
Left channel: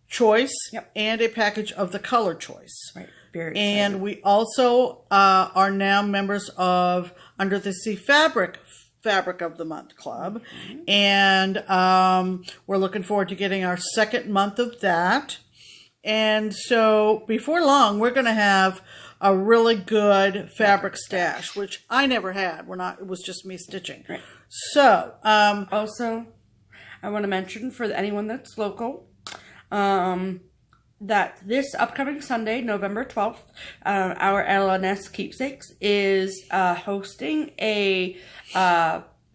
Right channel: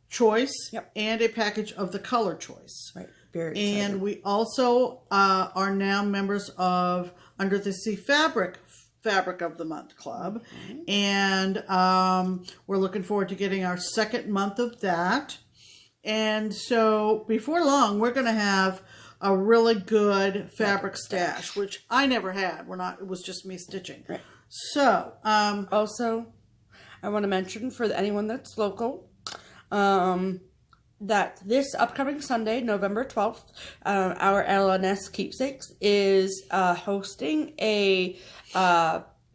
choice and a package of the color choice. Right. Very excited. And we also are now members of Under the Sea Fabric of the Month Club. Mm-hmm. And we're looking forward to getting our 2nd month of that. And so before long, we're going to have a really good fabric stash, which I never had. It was just me stitching. Right. So, also, I want to mention for anyone that's local, that this upcoming Sunday, November 12th, our LNS Keepsakes is hosting a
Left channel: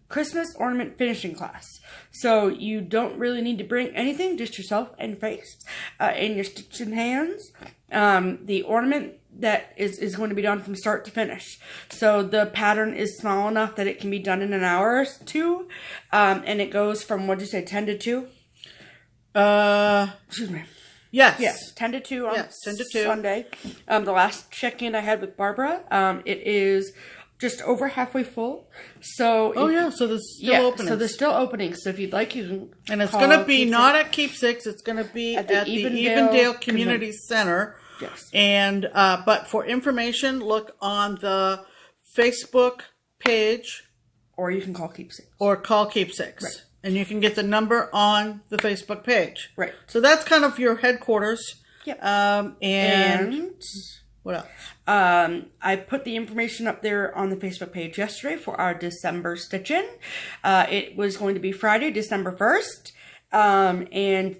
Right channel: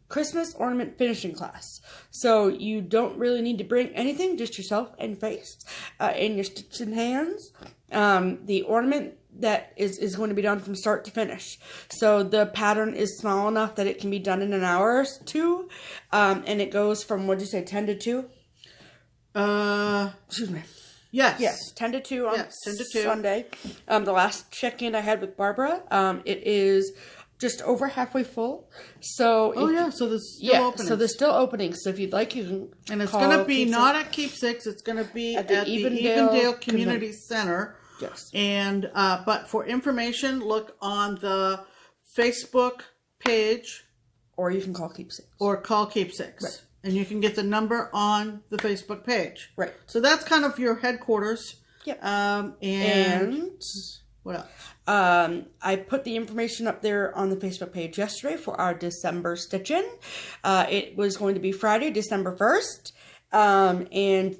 Christmas ornament finishing class. So you don't really need to bring anything, just yourself and face in your stitching hands. The ornament that is going to be done from start to finish. So the pattern is small enough that it can be done in an hour or 2. And it goes from, what did you say, 10 to 2? Excuse me. Yes, 10 to 2 on 10 to 2. Sunday. The last check-in I had with Barbara, it is just over halfway full. So so there's still openings. So there's still openings. So if you'd like, you can. And it's going to be not at Keepsakes. It's going to be at the Evendale Community Center. Yes. And but for information, look on the Facebook page, or you can call Keepsakes. Right. And you can get the number on the Facebook page. Right. So that's kind of your headquarters. Yep. And what else? I put the information up there on the Facebook page yesterday for our December stitch-in. It was going to be Friday, December 1st. And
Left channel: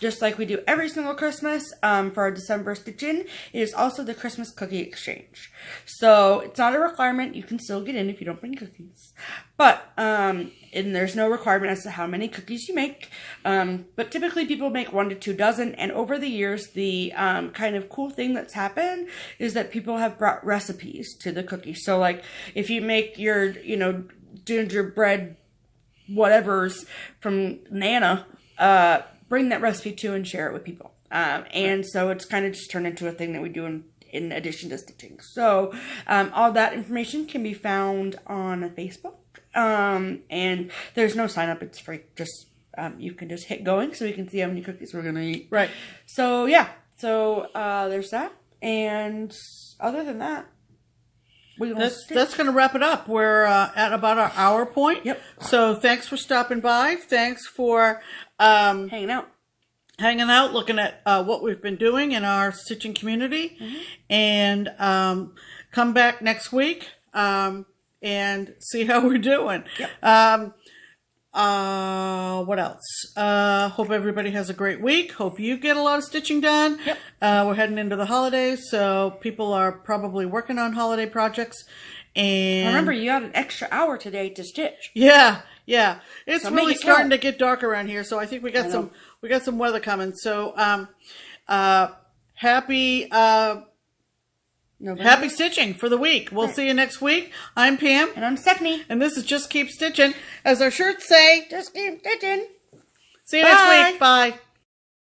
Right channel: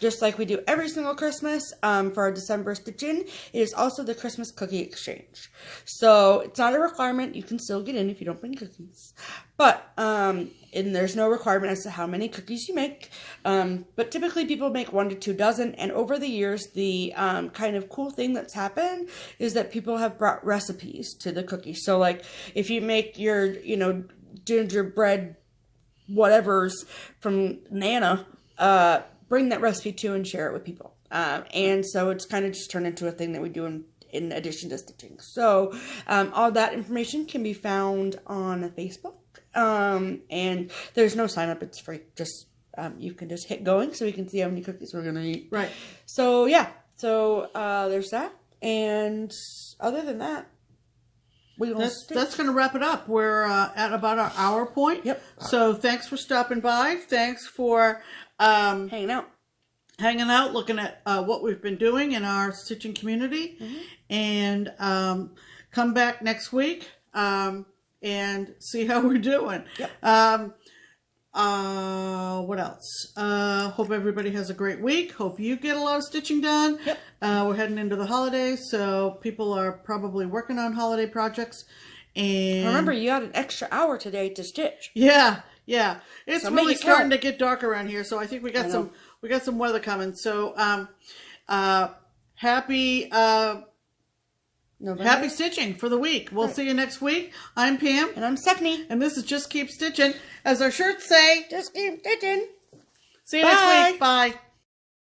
just like we do every single Christmas, for our December stitch-in, it is also the Christmas cookie exchange. So it's not a requirement. You can still get in if you don't bring cookies. But, and there's no requirement as to how many cookies you make. But typically people make 1 to 2 dozen. And over the years, the kind of cool thing that's happened is that people have brought recipes to the cookies. So like if you make your, gingerbread whatevers from Nana, bring that recipe to and share it with people. And so it's kind of just turned into a thing that we do in addition to stitching. So all that information can be found on Facebook. And there's no sign up. It's free. Just you can just hit going so we can see how many cookies we're going to eat. Right. So, yeah. So there's that. And other than that, that's going to wrap it up. We're at about our hour point. Yep. So thanks for stopping by. Thanks for hanging out, looking at what we've been doing in our stitching community. And come back next week and see how we're doing. Yep. What else? Hope everybody has a great week. Hope you get a lot of stitching done. Yep. We're heading into the holidays, so people are probably working on holiday projects. And remember, you got an extra hour today to stitch. Yeah. It's really starting to get dark around here, so I think we got some weather coming. So happy happy stitching for the week. We'll see you next week. I'm Pam. And I'm Stephanie. And this is Just Keep Stitching. As our shirts say, just keep stitching. See you next week. Bye.